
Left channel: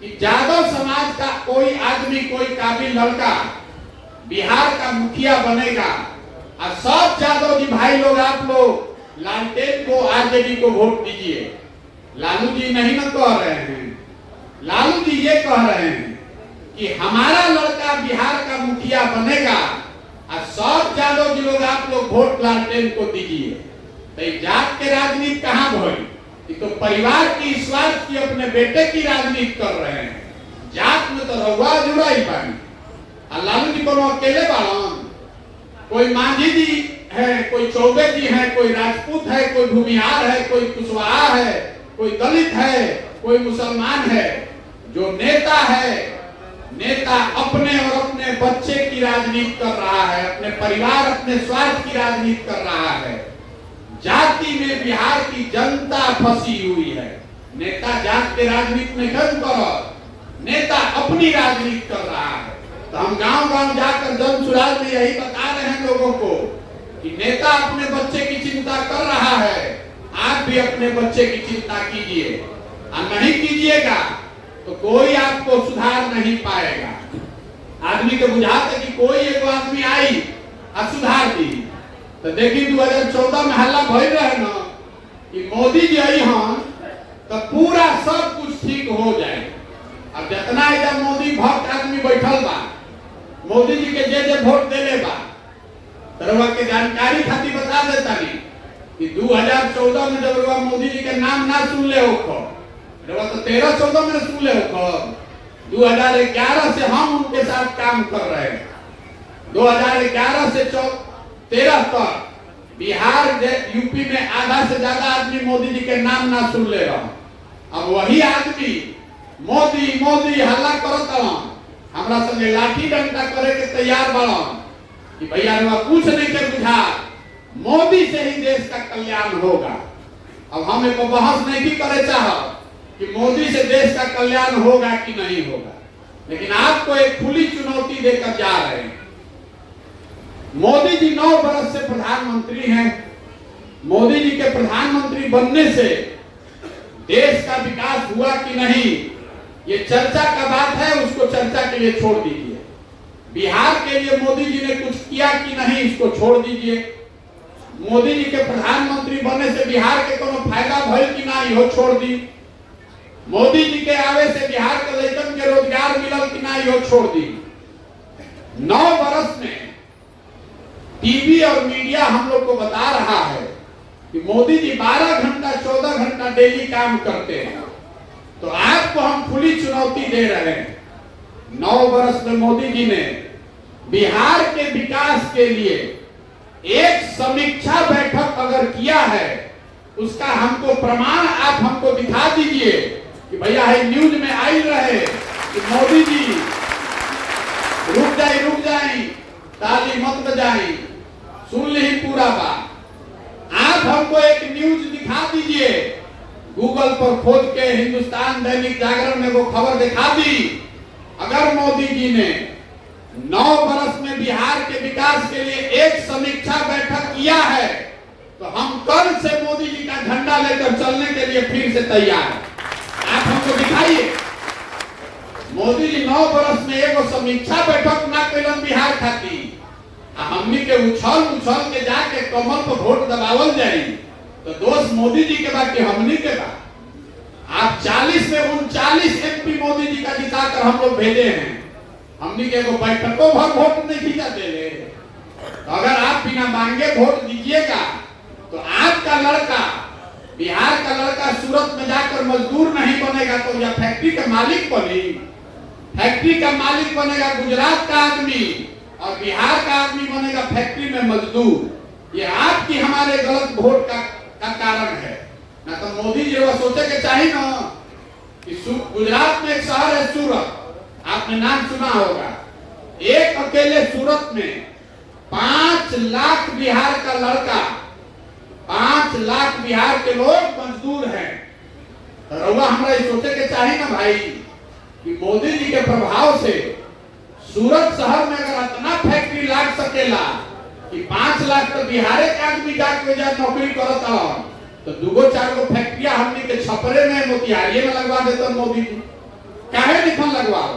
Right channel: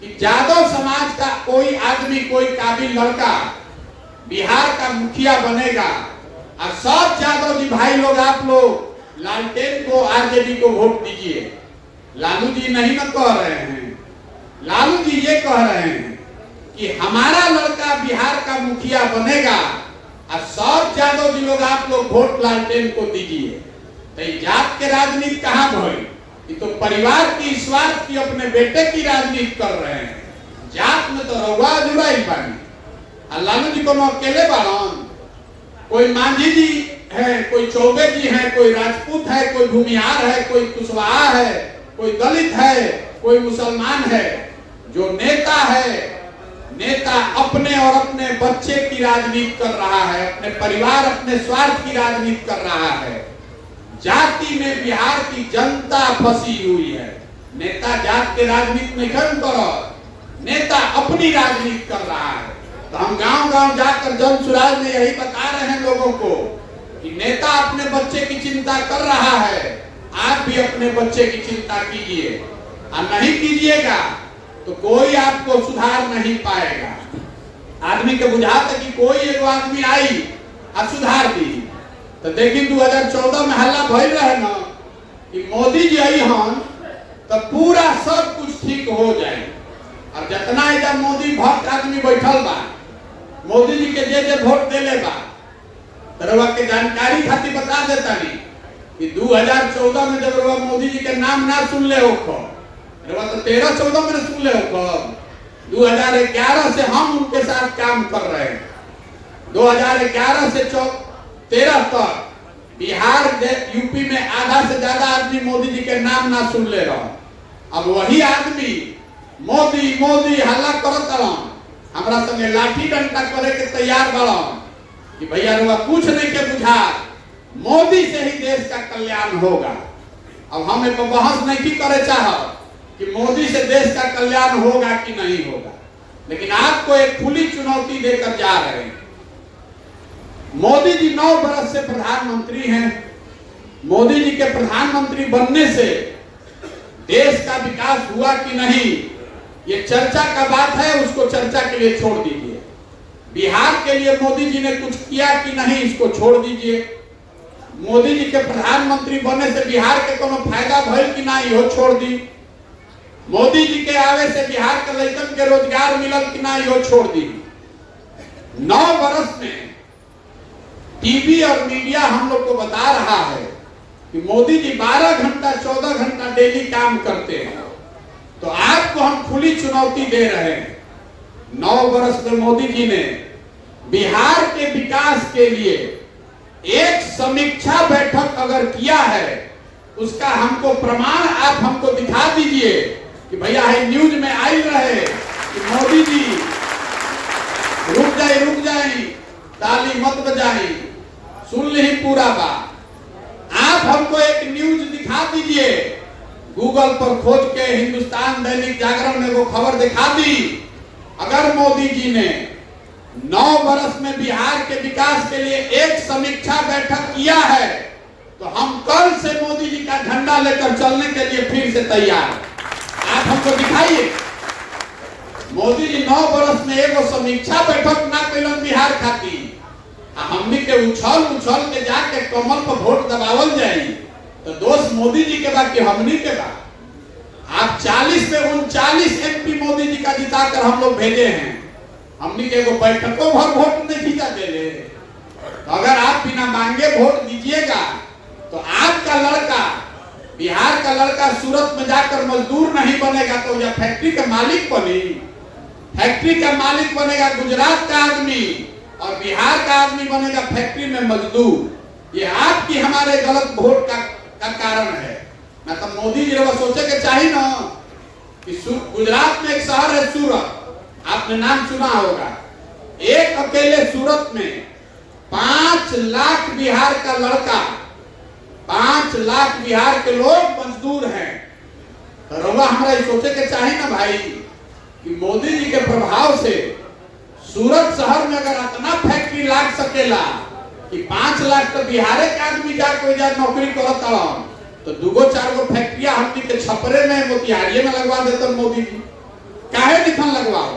कि यादव समाज का कोई आदमी, कोई काबिल लड़का बिहार का मुखिया बनेगा और सब यादव जी भाई लोग, आप लोग लालटेन को, आरजेडी को वोट दीजिए। लालू जी नहीं न कह रहे हैं, लालू जी ये कह रहे हैं कि हमारा लड़का बिहार का मुखिया बनेगा और सब यादव जी लोग, आप लोग वोट लालटेन को दीजिए। तो जात के राजनीति कहाँ भरी? ये तो परिवार की, स्वार्थ की, अपने बेटे की राजनीति कर रहे हैं। जात में तो रउआ जुड़ा ही पानी। लालू जी को अकेले बाड़न, कोई मांझी जी है, कोई चौबे जी है, कोई राजपूत है, कोई भूमिहार है, कोई कुशवाहा है, कोई दलित है, कोई मुसलमान है। जो नेता है, नेता अपने और अपने बच्चे की राजनीति कर रहा है, अपने परिवार, अपने स्वार्थ की राजनीति कर रहा है। जाति में बिहार की जनता फंसी हुई है। नेता जात के राजनीति नहीं कर, नेता अपनी राजनीति कर रहा है। तो हम गांव-गांव जाकर जनसुराज में यही बता रहे हैं लोगों को कि नेता अपने बच्चे की चिंता कर रहा है, आप भी अपने बच्चे की चिंता कीजिए। और नहीं कीजिएगा तो कोई आपको सुधार नहीं पाएगा। आदमी को बुझाता कि कोई एक आदमी आई और सुधार दी। तो देखिए 2014 में हल्ला भइल रहे ना कि मोदी जी आई हम तो पूरा सब कुछ ठीक हो जाए। अब जितना इधर मोदी भक्त आदमी बैठल बा, मोदी जी के जे वोट देले बा, तरवा के जानकारी खातिर बता देता नहीं कि 2014 में जब रवा मोदी जी के नाम ना सुन ले हो, रवा तो 13-14 में सुन ले हो। 2011 से हम उनके साथ काम कर रहे हैं। 2011 से 13 तक बिहार, यूपी में आधा से ज्यादा आदमी मोदी जी के नाम ना सुन ले रहा। अब वही आदमी मोदी मोदी हल्ला करत हमरा संगे लाठी डंडा करे के तैयार बड़ा। कि भैया रुआ पूछ नहीं के बुझा, मोदी से ही देश का कल्याण होगा। अब हम एक बहस नहीं करे चाह कि मोदी से देश का कल्याण होगा कि नहीं होगा, लेकिन आपको एक खुली चुनौती देकर जा रहे हैं। मोदी जी 9 वर्ष से प्रधानमंत्री हैं। मोदी जी के प्रधानमंत्री बनने से देश का विकास हुआ कि नहीं, ये चर्चा का बात है, उसको चर्चा के लिए छोड़ दीजिए। बिहार के लिए मोदी जी ने कुछ किया कि नहीं, इसको छोड़ दीजिए। मोदी जी के प्रधानमंत्री बनने से बिहार के कोनो फायदा भइल कि नहीं, हो छोड़ दी। मोदी जी के आवे से बिहार के लड़कन के रोजगार मिलल कि नहीं, हो छोड़ दी। 9 वर्ष में टीवी और मीडिया हम लोग को बता रहा है कि मोदी जी 12 घंटा 14 घंटा डेली काम करते हैं। तो आपको हम खुली चुनौती दे रहे हैं। 9 वर्ष में मोदी जी ने बिहार के विकास के लिए एक समीक्षा बैठक अगर किया है, उसका हमको प्रमाण आप हमको दिखा दीजिए कि भैया है न्यूज में आई रहे कि मोदी जी रुक जाए ताली मत बजाई, सुन ली पूरा बात। आप हमको एक न्यूज दिखा दीजिए, गूगल पर खोज के हिंदुस्तान दैनिक जागरण में वो खबर दिखा दी। अगर मोदी जी ने 9 वर्ष में बिहार के विकास के लिए एक समीक्षा बैठक किया है, तो हम कल से मोदी जी का झंडा लेकर चलने के लिए फिर से तैयार। आप हमको दिखाइए। मोदी जी 9 वर्ष में एगो समीक्षा बैठक ना कैलन बिहार खाती। हमनी के उछल के जाके कमल पर वोट दबावल जाई, तो दोस्त मोदी जी के बाद के हमनी के बाद। आप 40 में 39 एमपी मोदी जी का जिताकर हम लोग भेजे हैं। हमनी के एगो बैठकों भर वोट नहीं खींचा दे। अगर आप बिना मांगे वोट दीजिएगा तो आपका लड़का, बिहार का लड़का सूरत में जाकर मजदूर नहीं बनेगा, तो या फैक्ट्री का मालिक बनी, फैक्ट्री का मालिक बनेगा गुजरात का आदमी, और बिहार का आदमी बनेगा फैक्ट्री में मजदूर। ये आपकी हमारे गलत वोट का कारण है ना। तो मोदी जी को सोचे के चाहिए ना कि गुजरात में एक शहर है सूरत, आपने नाम सुना होगा। एक अकेले सूरत में 5 लाख बिहार का लड़का, 5 लाख बिहार के लोग मजदूर हैं। तो रउआ हमारा सोचे के चाहिए ना भाई कि मोदी जी के प्रभाव से सूरत शहर में अगर इतना फैक्ट्री लाग सकेला कि 5 लाख तो बिहार के आदमी जाके नौकरी करता, तो 2-4 गो फैक्ट्रियां हमनी के छपरे में, मोतिहारी में लगवा देते मोदी जी। काहे निकल लगवाओ?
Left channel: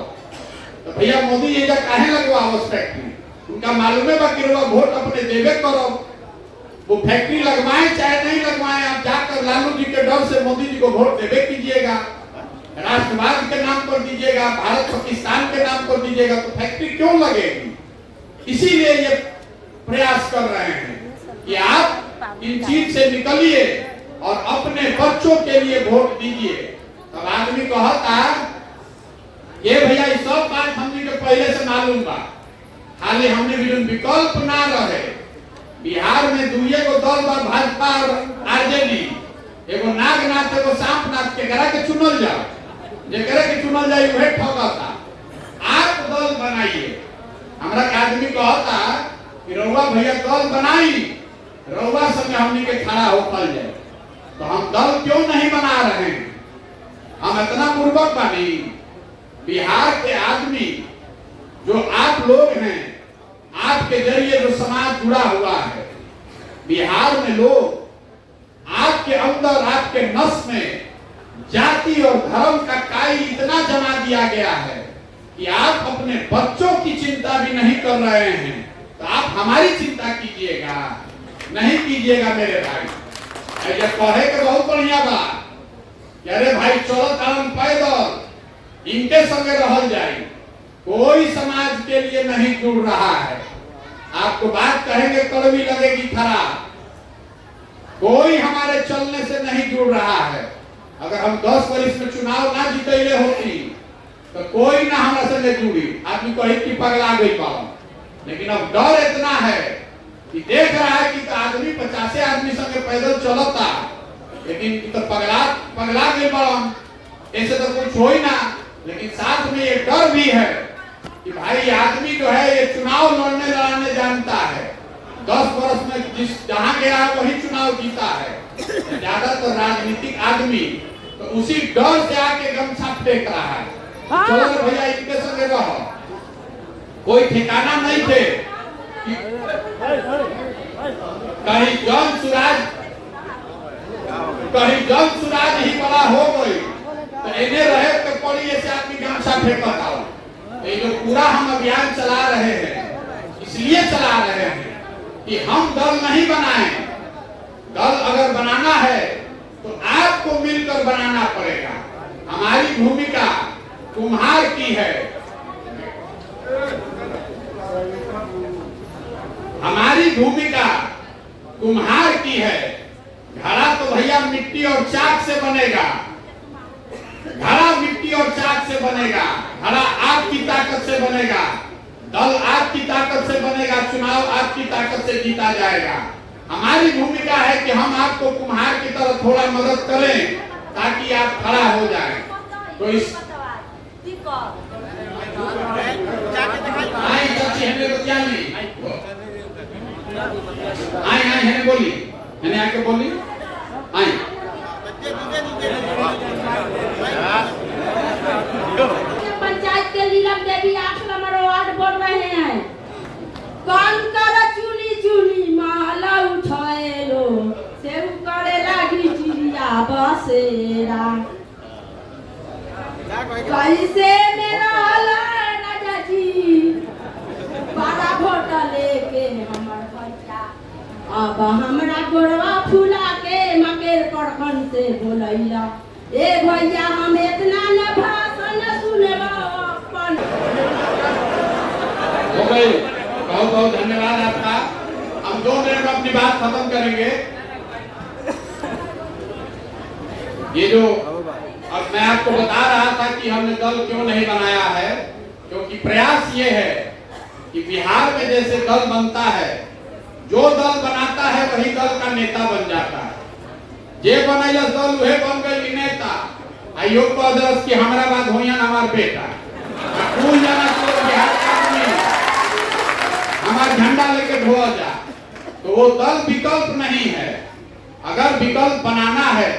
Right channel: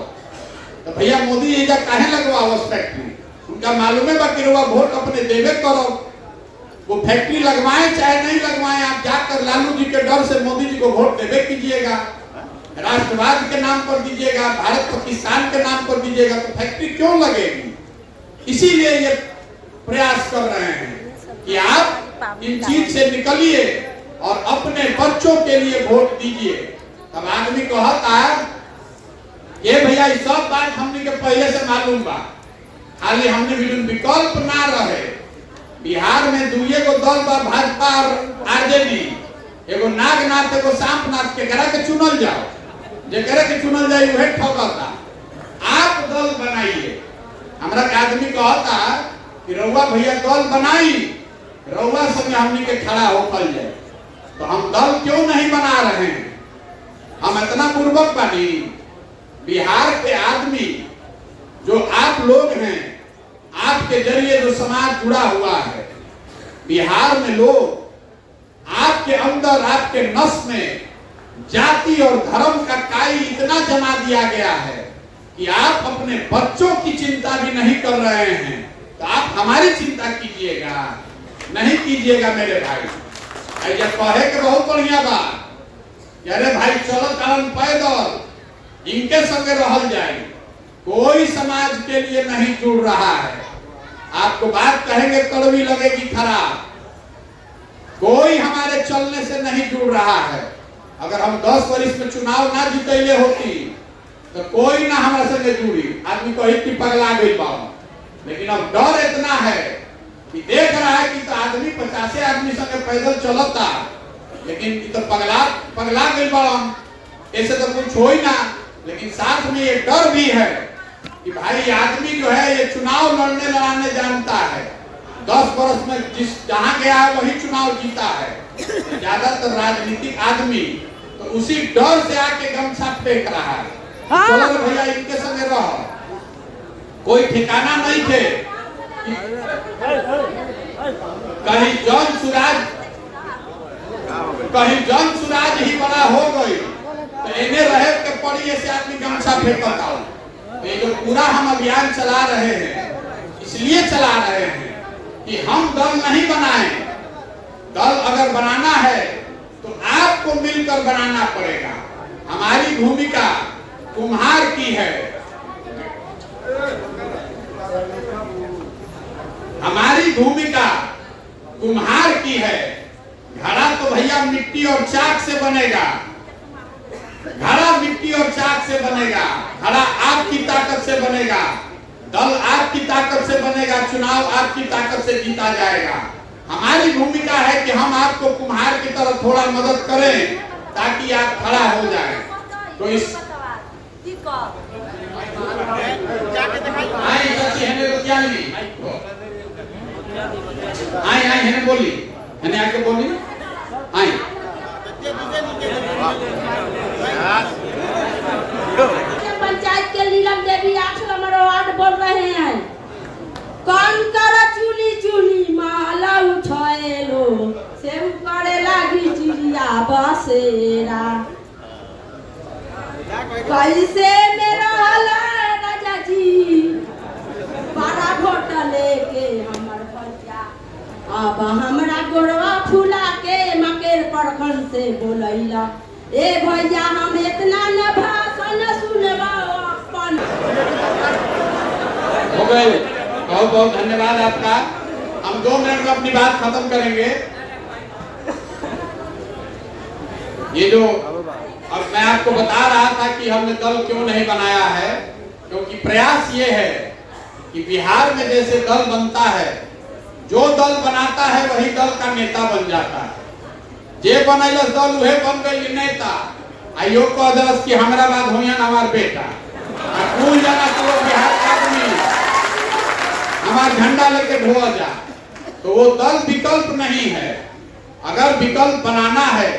तो भैया मोदी जी का काहे लगवाओ उस फैक्ट्री? उनका मालूम है बाकी वोट अपने देवे करो। वो फैक्ट्री लगवाए चाहे नहीं लगवाए, आप जाकर लालू जी के डर से मोदी जी को वोट देवे कीजिएगा, राष्ट्रवाद के नाम पर दीजिएगा, भारत पाकिस्तान के नाम पर दीजिएगा, तो फैक्ट्री क्यों लगेगी? इसीलिए ये प्रयास कर रहे हैं कि आप इन चीज से निकलिए और अपने बच्चों के लिए वोट दीजिए। तब आदमी कहता ये भैया ये सब बात हमने के पहले से मालूम बा, खाली हमने विकल्प ना रहे। बिहार में 2 गो दल बा, भाजपा और आरजेडी। एगो नागनाथ एगो सांपनाथ के करा के चुनल जाओ, जेकरे के चुनल जाए वह ठगता। आप दल बनाइए। हमरा के आदमी कहता कि रउआ भैया दल बनाई, रउआ संग हमनी के खड़ा होकर जाए। तो हम दल क्यों नहीं बना रहे हैं? हम इतना पूर्वक बानी। बिहार के आदमी जो आप लोग हैं, आपके जरिए जो समाज जुड़ा हुआ है, बिहार में लोग आपके अंदर, आपके नस में जाति और धर्म का काई इतना जमा दिया गया है कि आप अपने बच्चों की चिंता भी नहीं कर रहे हैं। तो आप हमारी चिंता कीजिएगा, नहीं कीजिएगा मेरे भाई। ऐसे कहे के बहुत बढ़िया बात कि अरे भाई चलो कारण पैदल इनके संगे रहल जाए। कोई समाज के लिए नहीं जुड़ रहा है। आपको बात कहेंगे कड़वी लगेगी खराब। कोई हमारे चलने से नहीं जुड़ रहा है। अगर हम 10 वर्ष में चुनाव ना जीतले होती तो कोई ना हमारे संगे जुड़ी। आदमी को एक पगला गई पाओ, लेकिन अब डर इतना है कि देख रहा है कि तो आदमी 50 आदमी संगे पैदल चलता, लेकिन तो पगला गई पाओ, ऐसे तो कुछ हो ही ना। लेकिन साथ में एक डर भी है कि भाई आदमी जो है ये चुनाव लड़ने लड़ाने जानता है, 10 वर्ष में जहां गया है वही चुनाव जीता है। ज्यादातर राजनीतिक आदमी तो उसी डर से आके गमछा फेंक रहा है। चलो भैया इनके संग रहो, कोई ठिकाना नहीं थे। कहीं जन सुराज ही बड़ा हो गई तो इन्हें रहे के पड़ी ऐसे आदमी गमछा फेंकता हो। ये जो पूरा हम अभियान चला रहे हैं इसलिए चला रहे हैं कि हम दल नहीं बनाए। दल अगर बनाना है तो आपको मिलकर बनाना पड़ेगा। हमारी भूमिका कुम्हार की है, हमारी भूमिका कुम्हार की है। घड़ा तो भैया मिट्टी और चाक से बनेगा, घड़ा मिट्टी और चाक से बनेगा। घड़ा आपकी ताकत से बनेगा, दल आपकी ताकत से बनेगा, चुनाव आपकी ताकत से जीता जाएगा। हमारी भूमिका है कि हम आपको कुम्हार की तरह थोड़ा मदद करें ताकि आप खड़ा हो जाए। तो इस आई बोली मैंने आके बोली आई पंचायत के नीलम देवी 8 नंबर वार्ड बोल रहे हैं। कौन कर चुली चुली माला उठाए लो सेव करे लागी चिड़िया बसेरा। कैसे मेरा हला राजा जी बड़ा वोट लेके हमर भैया अब हमरा गोड़वा फूला के मकेर परखन से बोलैला। ए भैया हम इतना न भाषण सुनबा अपन। हो गई। बहुत बहुत धन्यवाद आपका। हम 2 मिनट में अपनी बात खत्म करेंगे। ये जो अब मैं आपको बता रहा था कि हमने दल क्यों नहीं बनाया है, क्योंकि प्रयास ये है कि बिहार में जैसे दल बनता है, जो दल बनाता है वही दल का नेता बन जाता है। जे बनैलस दल उहे बन गई नेता। आइयो को दरस की हमरा बात होइया हमार बेटा कौन जाना तो बिहार का आदमी हमार झंडा लेके ढोआ जा। तो वो दल विकल्प नहीं है। अगर विकल्प बनाना है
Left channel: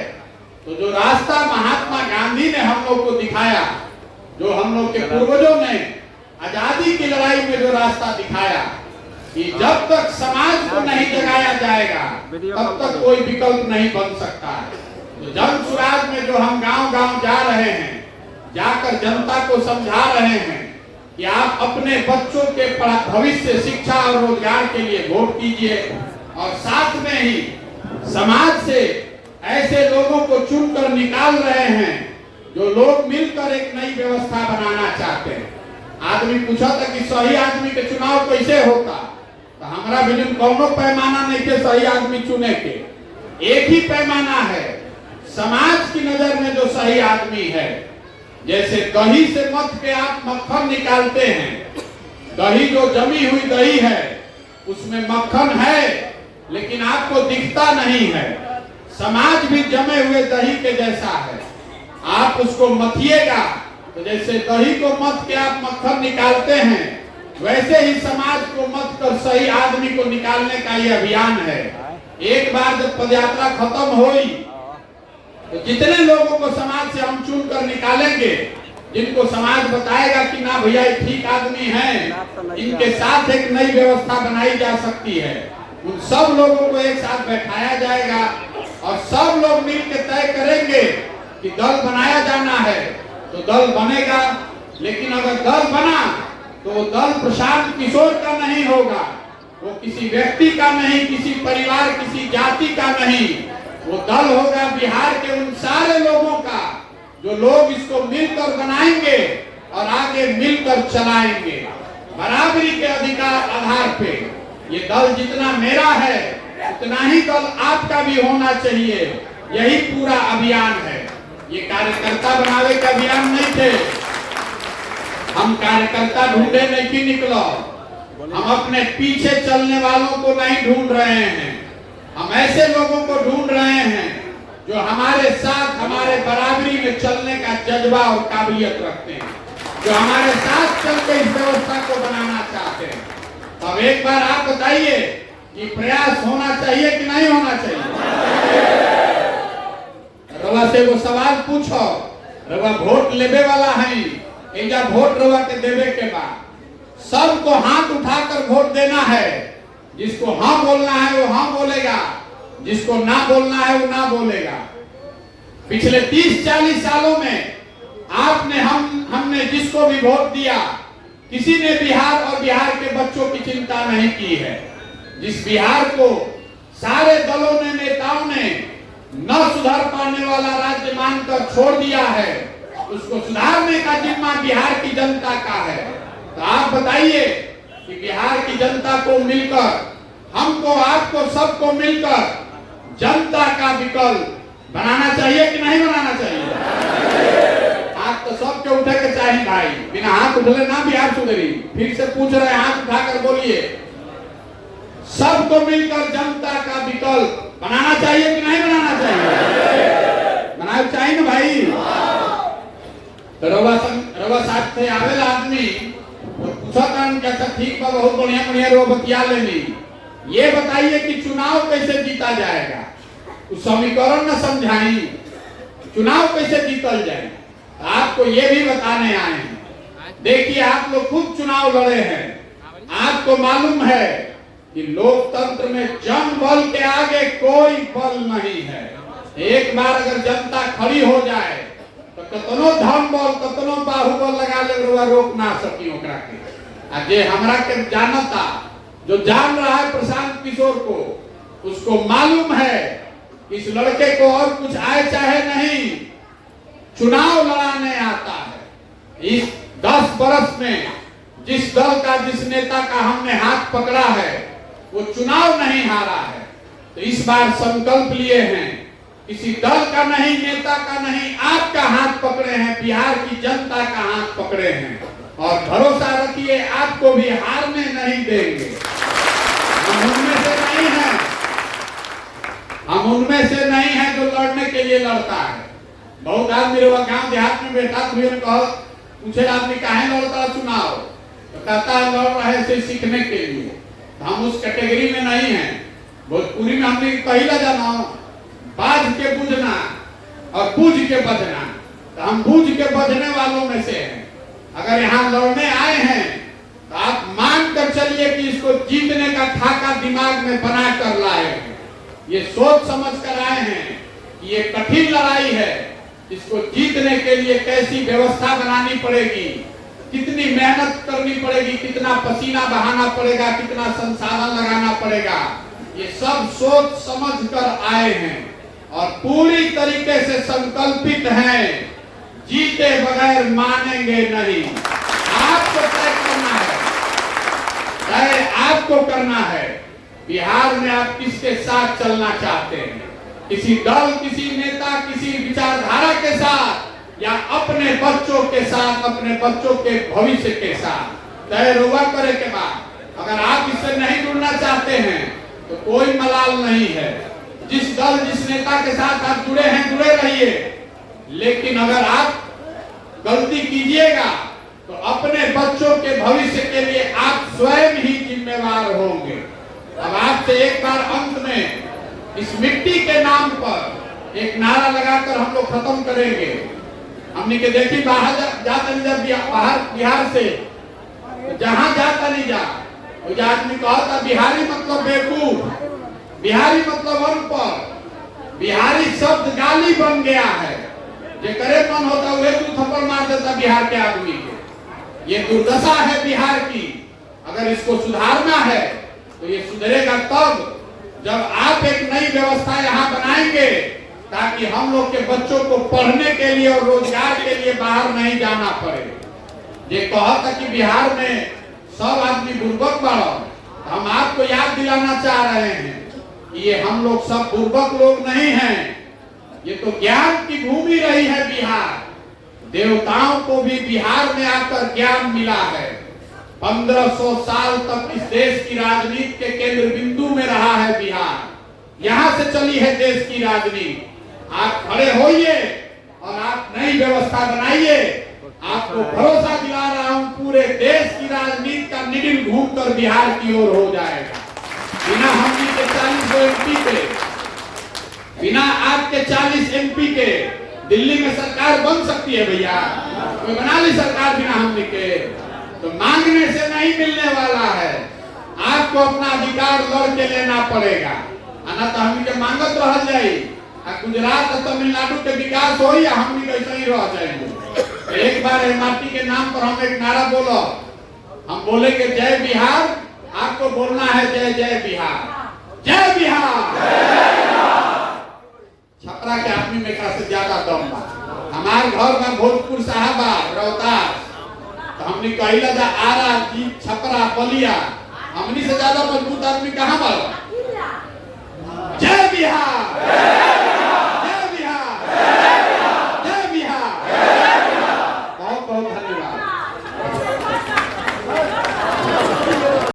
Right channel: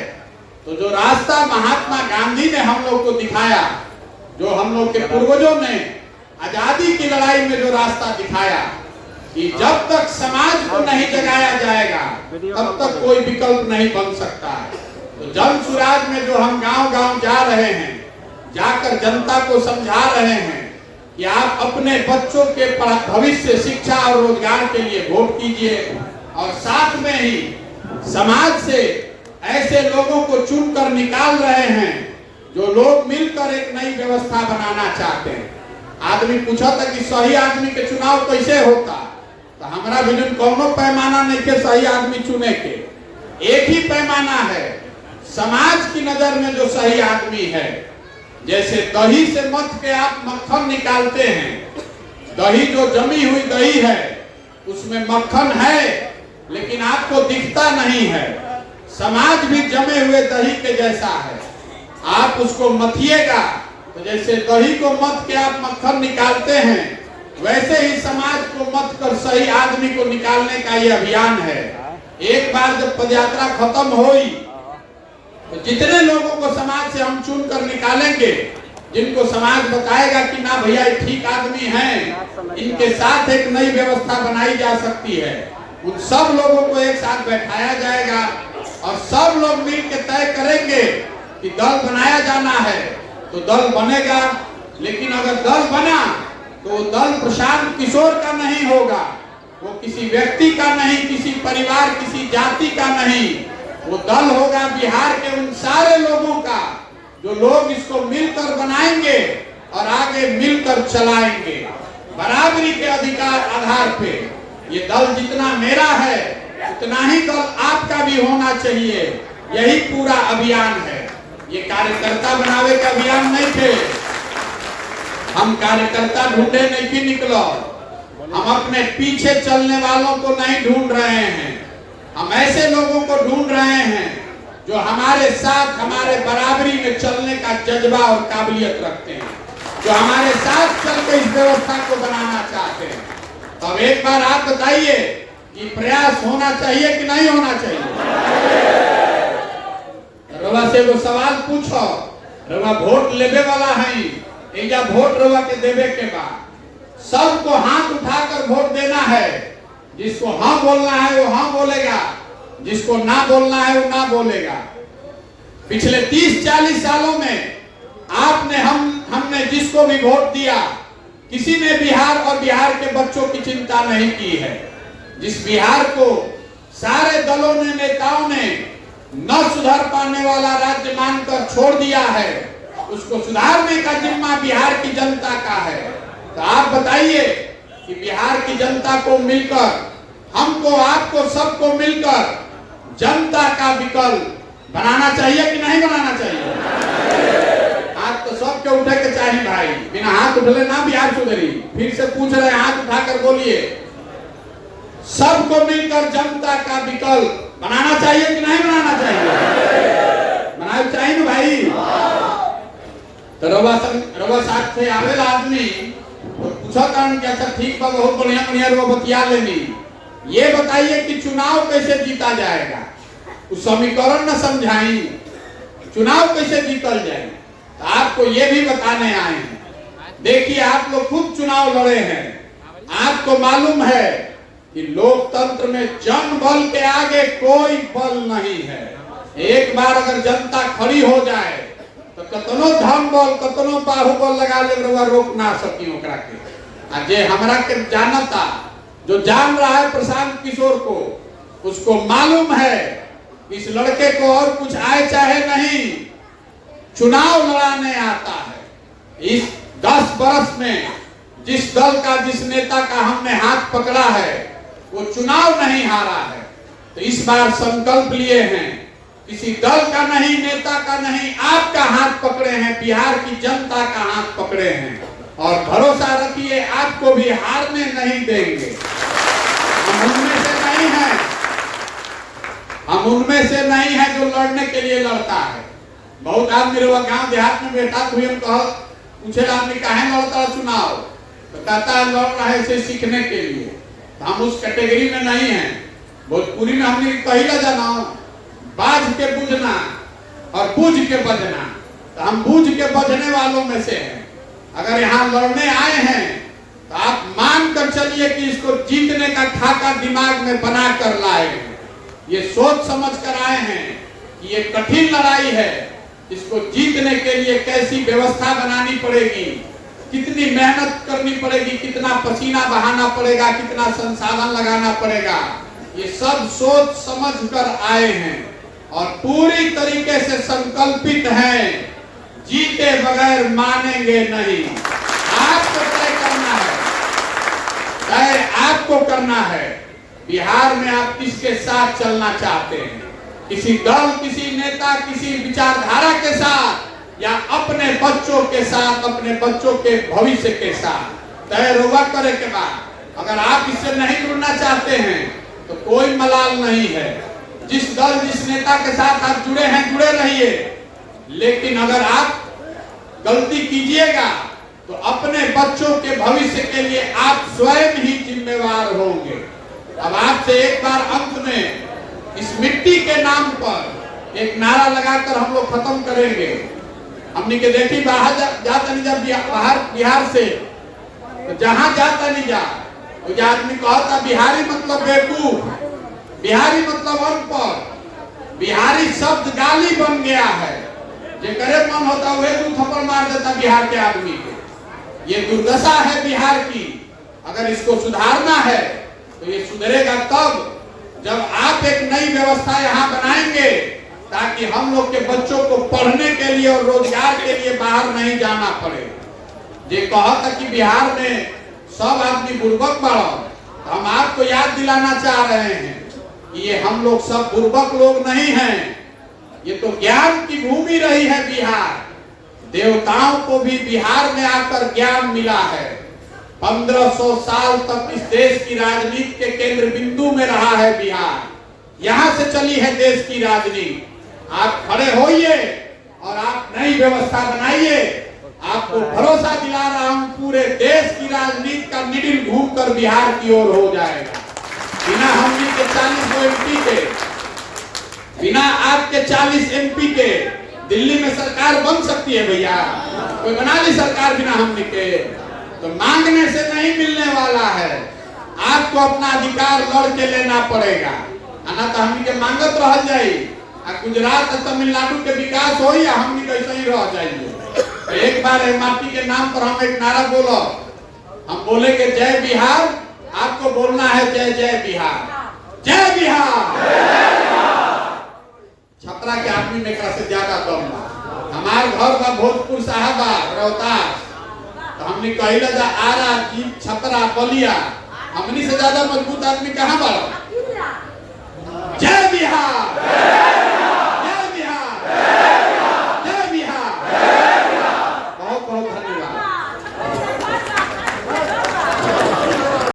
तो जो रास्ता महात्मा गांधी ने हम लोग को दिखाया, जो हम लोग के पूर्वजों ने आजादी की लड़ाई में जो रास्ता दिखाया कि जब तक समाज को नहीं जगाया जाएगा तब तक कोई विकल्प नहीं बन सकता। तो जन सुराज में जो हम गांव-गांव जा रहे हैं, जाकर जनता को समझा रहे हैं कि आप अपने बच्चों के भविष्य, शिक्षा और रोजगार के लिए वोट कीजिए, और साथ में ही समाज से ऐसे लोगों को चुनकर निकाल रहे हैं जो लोग मिलकर एक नई व्यवस्था बनाना चाहते हैं। आदमी पूछा था कि सही आदमी के चुनाव कैसे होता, तो हमारा विजन कोनो पैमाना नहीं के सही आदमी चुने के। एक ही पैमाना है, समाज की नजर में जो सही आदमी है। जैसे दही से मथ के आप मक्खन निकालते हैं, दही जो जमी हुई दही है उसमें मक्खन है लेकिन आपको दिखता नहीं है। समाज भी जमे हुए दही के जैसा है, आप उसको मथिएगा तो जैसे दही को मथ के आप मक्खन निकालते हैं, वैसे ही समाज को मथ कर सही आदमी को निकालने का ये अभियान है। एक बार जब पदयात्रा खत्म हुई तो जितने लोगों को समाज से हम चुन कर निकालेंगे, जिनको समाज बताएगा कि ना भैया ठीक आदमी हैं, इनके साथ एक नई व्यवस्था बनाई जा सकती है, उन सब लोगों को एक साथ बैठाया जाएगा और सब लोग मिलकर तय करेंगे कि दल बनाया जाना है तो दल बनेगा। लेकिन अगर दल बना तो दल प्रशांत किशोर का नहीं होगा, वो किसी व्यक्ति का नहीं, किसी परिवार, किसी जाति का नहीं, वो दल होगा बिहार के उन सारे लोगों का जो लोग इसको मिलकर बनाएंगे और आगे मिलकर चलाएंगे बराबरी के अधिकार आधार पे। ये दल जितना मेरा है उतना ही दल आपका भी होना चाहिए। यही पूरा अभियान है। ये कार्यकर्ता बनावे का अभियान नहीं थे। हम कार्यकर्ता ढूंढे नहीं निकलो, हम अपने पीछे चलने वालों को नहीं ढूंढ रहे हैं। हम ऐसे लोगों को ढूंढ रहे हैं जो हमारे साथ हमारे बराबरी में चलने का जज्बा और काबिलियत रखते हैं, जो हमारे साथ चलकर इस व्यवस्था को बनाना चाहते हैं। तो अब एक बार आप बताइए कि प्रयास होना चाहिए कि नहीं होना चाहिए? रवा से वो सवाल पूछो, रवा वोट लेवे वाला है, एजा वोट रवा के देवे के बाद सबको हाथ उठाकर वोट देना है। जिसको हाँ बोलना है वो हाँ बोलेगा, जिसको ना बोलना है वो ना बोलेगा। पिछले 30-40 सालों में आपने हमने जिसको भी वोट दिया, किसी ने बिहार और बिहार के बच्चों की चिंता नहीं की है। जिस बिहार को सारे दलों ने, नेताओं ने न सुधार पाने वाला राज्य मानकर छोड़ दिया है, उसको सुधारने का जिम्मा बिहार की जनता का है। तो आप बताइए कि बिहार की जनता को मिलकर, हमको, आपको, सबको मिलकर जनता का विकल्प बनाना चाहिए कि नहीं बनाना चाहिए? हाथ तो सबके उठे के चाहिए भाई, बिना हाथ उठले ना बिहार सुधरी। फिर से पूछ रहे हैं, हाथ उठाकर बोलिए। सबको मिलकर जनता का विकल्प बनाना चाहिए कि नहीं बनाना चाहिए? बनाना चाहिए ना भाई। तो रवा साथ से आवेला आदमी तो पूछा कि अच्छा ठीक बा, बहुत बढ़िया बढ़िया रो बतिया लेनी। ये बताइए कि चुनाव कैसे जीता जाएगा? उस समीकरण न समझाई, चुनाव कैसे जीतल जाए? आपको ये भी बताने आए हैं। देखिए, आप लोग खूब चुनाव लड़े हैं, आपको मालूम है कि लोकतंत्र में जनबल के आगे कोई बल नहीं है। एक बार अगर जनता खड़ी हो जाए तो कतनो धन बल, कतनो बाहुबल लगा ले, रोक ना सकी ओकरा के। जे हमरा के जानता, जो जान रहा है प्रशांत किशोर को, उसको मालूम है इस लड़के को और कुछ आए चाहे नहीं, चुनाव लड़ाने आता है। इस 10 वर्ष में जिस दल का, जिस नेता का हमने हाथ पकड़ा है, वो चुनाव नहीं हारा है। तो इस बार संकल्प लिए हैं, किसी दल का नहीं, नेता का नहीं, आपका हाथ पकड़े हैं, बिहार की जनता का हाथ पकड़े हैं। और भरोसा रखिए, आपको भी हारने नहीं देंगे। हम उनमें से नहीं है, हम उनमें से नहीं है जो लड़ने के लिए लड़ता है। बहुत आदमी गांव देहात में बैठा हुए पूछे आदमी काहे लड़ता चुनाव, तो कहता है लड़ रहा है इसे सीखने के लिए। हम उस कैटेगरी में नहीं है। भोजपुरी में हमने कहिला जाना, बाज के बुझना और बूझ के बजना। तो हम बूझ के बजने वालों में से हैं। अगर यहाँ लड़ने आए हैं तो आप मान कर चलिए कि इसको जीतने का खाका दिमाग में बना कर लाए हैं। ये सोच समझ कर आए हैं कि ये कठिन लड़ाई है, इसको जीतने के लिए कैसी व्यवस्था बनानी पड़ेगी, कितनी मेहनत करनी पड़ेगी, कितना पसीना बहाना पड़ेगा, कितना संसाधन लगाना पड़ेगा। ये सब सोच समझ कर आए हैं और पूरी तरीके से संकल्पित हैं। जीते बगैर मानेंगे नहीं। आपको तय करना है, तय आपको करना है। बिहार में आप किसके साथ चलना चाहते हैं? किसी दल, किसी नेता, किसी विचारधारा के साथ, या अपने बच्चों के साथ, अपने बच्चों के भविष्य के साथ तय रुआ करे के बाद। अगर आप इससे नहीं जुड़ना चाहते हैं तो कोई मलाल नहीं है। जिस दल, जिस नेता के साथ आप जुड़े हैं, जुड़े रहिए। लेकिन अगर आप गलती कीजिएगा तो अपने बच्चों के भविष्य के लिए आप स्वयं ही जिम्मेवार होंगे। अब आपसे एक बार अंत में इस मिट्टी के नाम पर एक नारा लगाकर हम लोग खत्म करेंगे। हमने के देखी बाहर जाता नहीं, जब बाहर बिहार से तो जहां जाता नहीं जा, वो आदमी कहता बिहारी मतलब बेवकूफ, बिहारी मतलब अनपढ़, बिहारी शब्द गाली बन गया है। जो करे मन होता है वो थप्पड़ मार देता बिहार के आदमी के। ये दुर्दशा है बिहार की। अगर इसको सुधारना है तो ये सुधरेगा तब जब आप एक नई व्यवस्था यहाँ बनाएंगे, ताकि हम लोग के बच्चों को पढ़ने के लिए और रोजगार के लिए बाहर नहीं जाना पड़े। ये कहा था कि बिहार में सब आदमी बुर्बक बढ़ो, हम आपको याद दिलाना चाह रहे हैं कि ये हम लोग सब बुर्बक लोग नहीं हैं। ये तो ज्ञान की भूमि रही है बिहार। देवताओं को भी बिहार में आकर ज्ञान मिला है। 1500 साल तक इस देश की राजनीति के केंद्र बिंदु में रहा है बिहार। यहाँ से चली है देश की राजनीति। आप खड़े होइए और आप नई व्यवस्था बनाइए। आपको भरोसा दिला साइकिल घूम कर बिहार की ओर हो जाएगा। बिना हमनी के 40 एमपी के, बिना आपके 40 एमपी के दिल्ली में सरकार बन सकती है भैया? कोई बना ली सरकार बिना हमनी के? तो मांगने से नहीं मिलने वाला है, आपको अपना अधिकार लड़ के लेना पड़ेगा। ना तो हमनी के मांगत रह जाई, गुजरात तमिलनाडु के विकास हो या हमनी कैसे ही रह जाएंगे। एक बार माटी के नाम पर हम एक नारा बोलो, हम बोले कि जय बिहार, आपको बोलना है जय जय बिहार, जय बिहार। छपरा के आदमी में से ज्यादा कम बा। हमारे घर बा भोजपुर साहबा रोहतास, तो हमने कहला जा आरा की छपरा बलिया, हमनी से ज्यादा मजबूत आदमी कहाँ बा?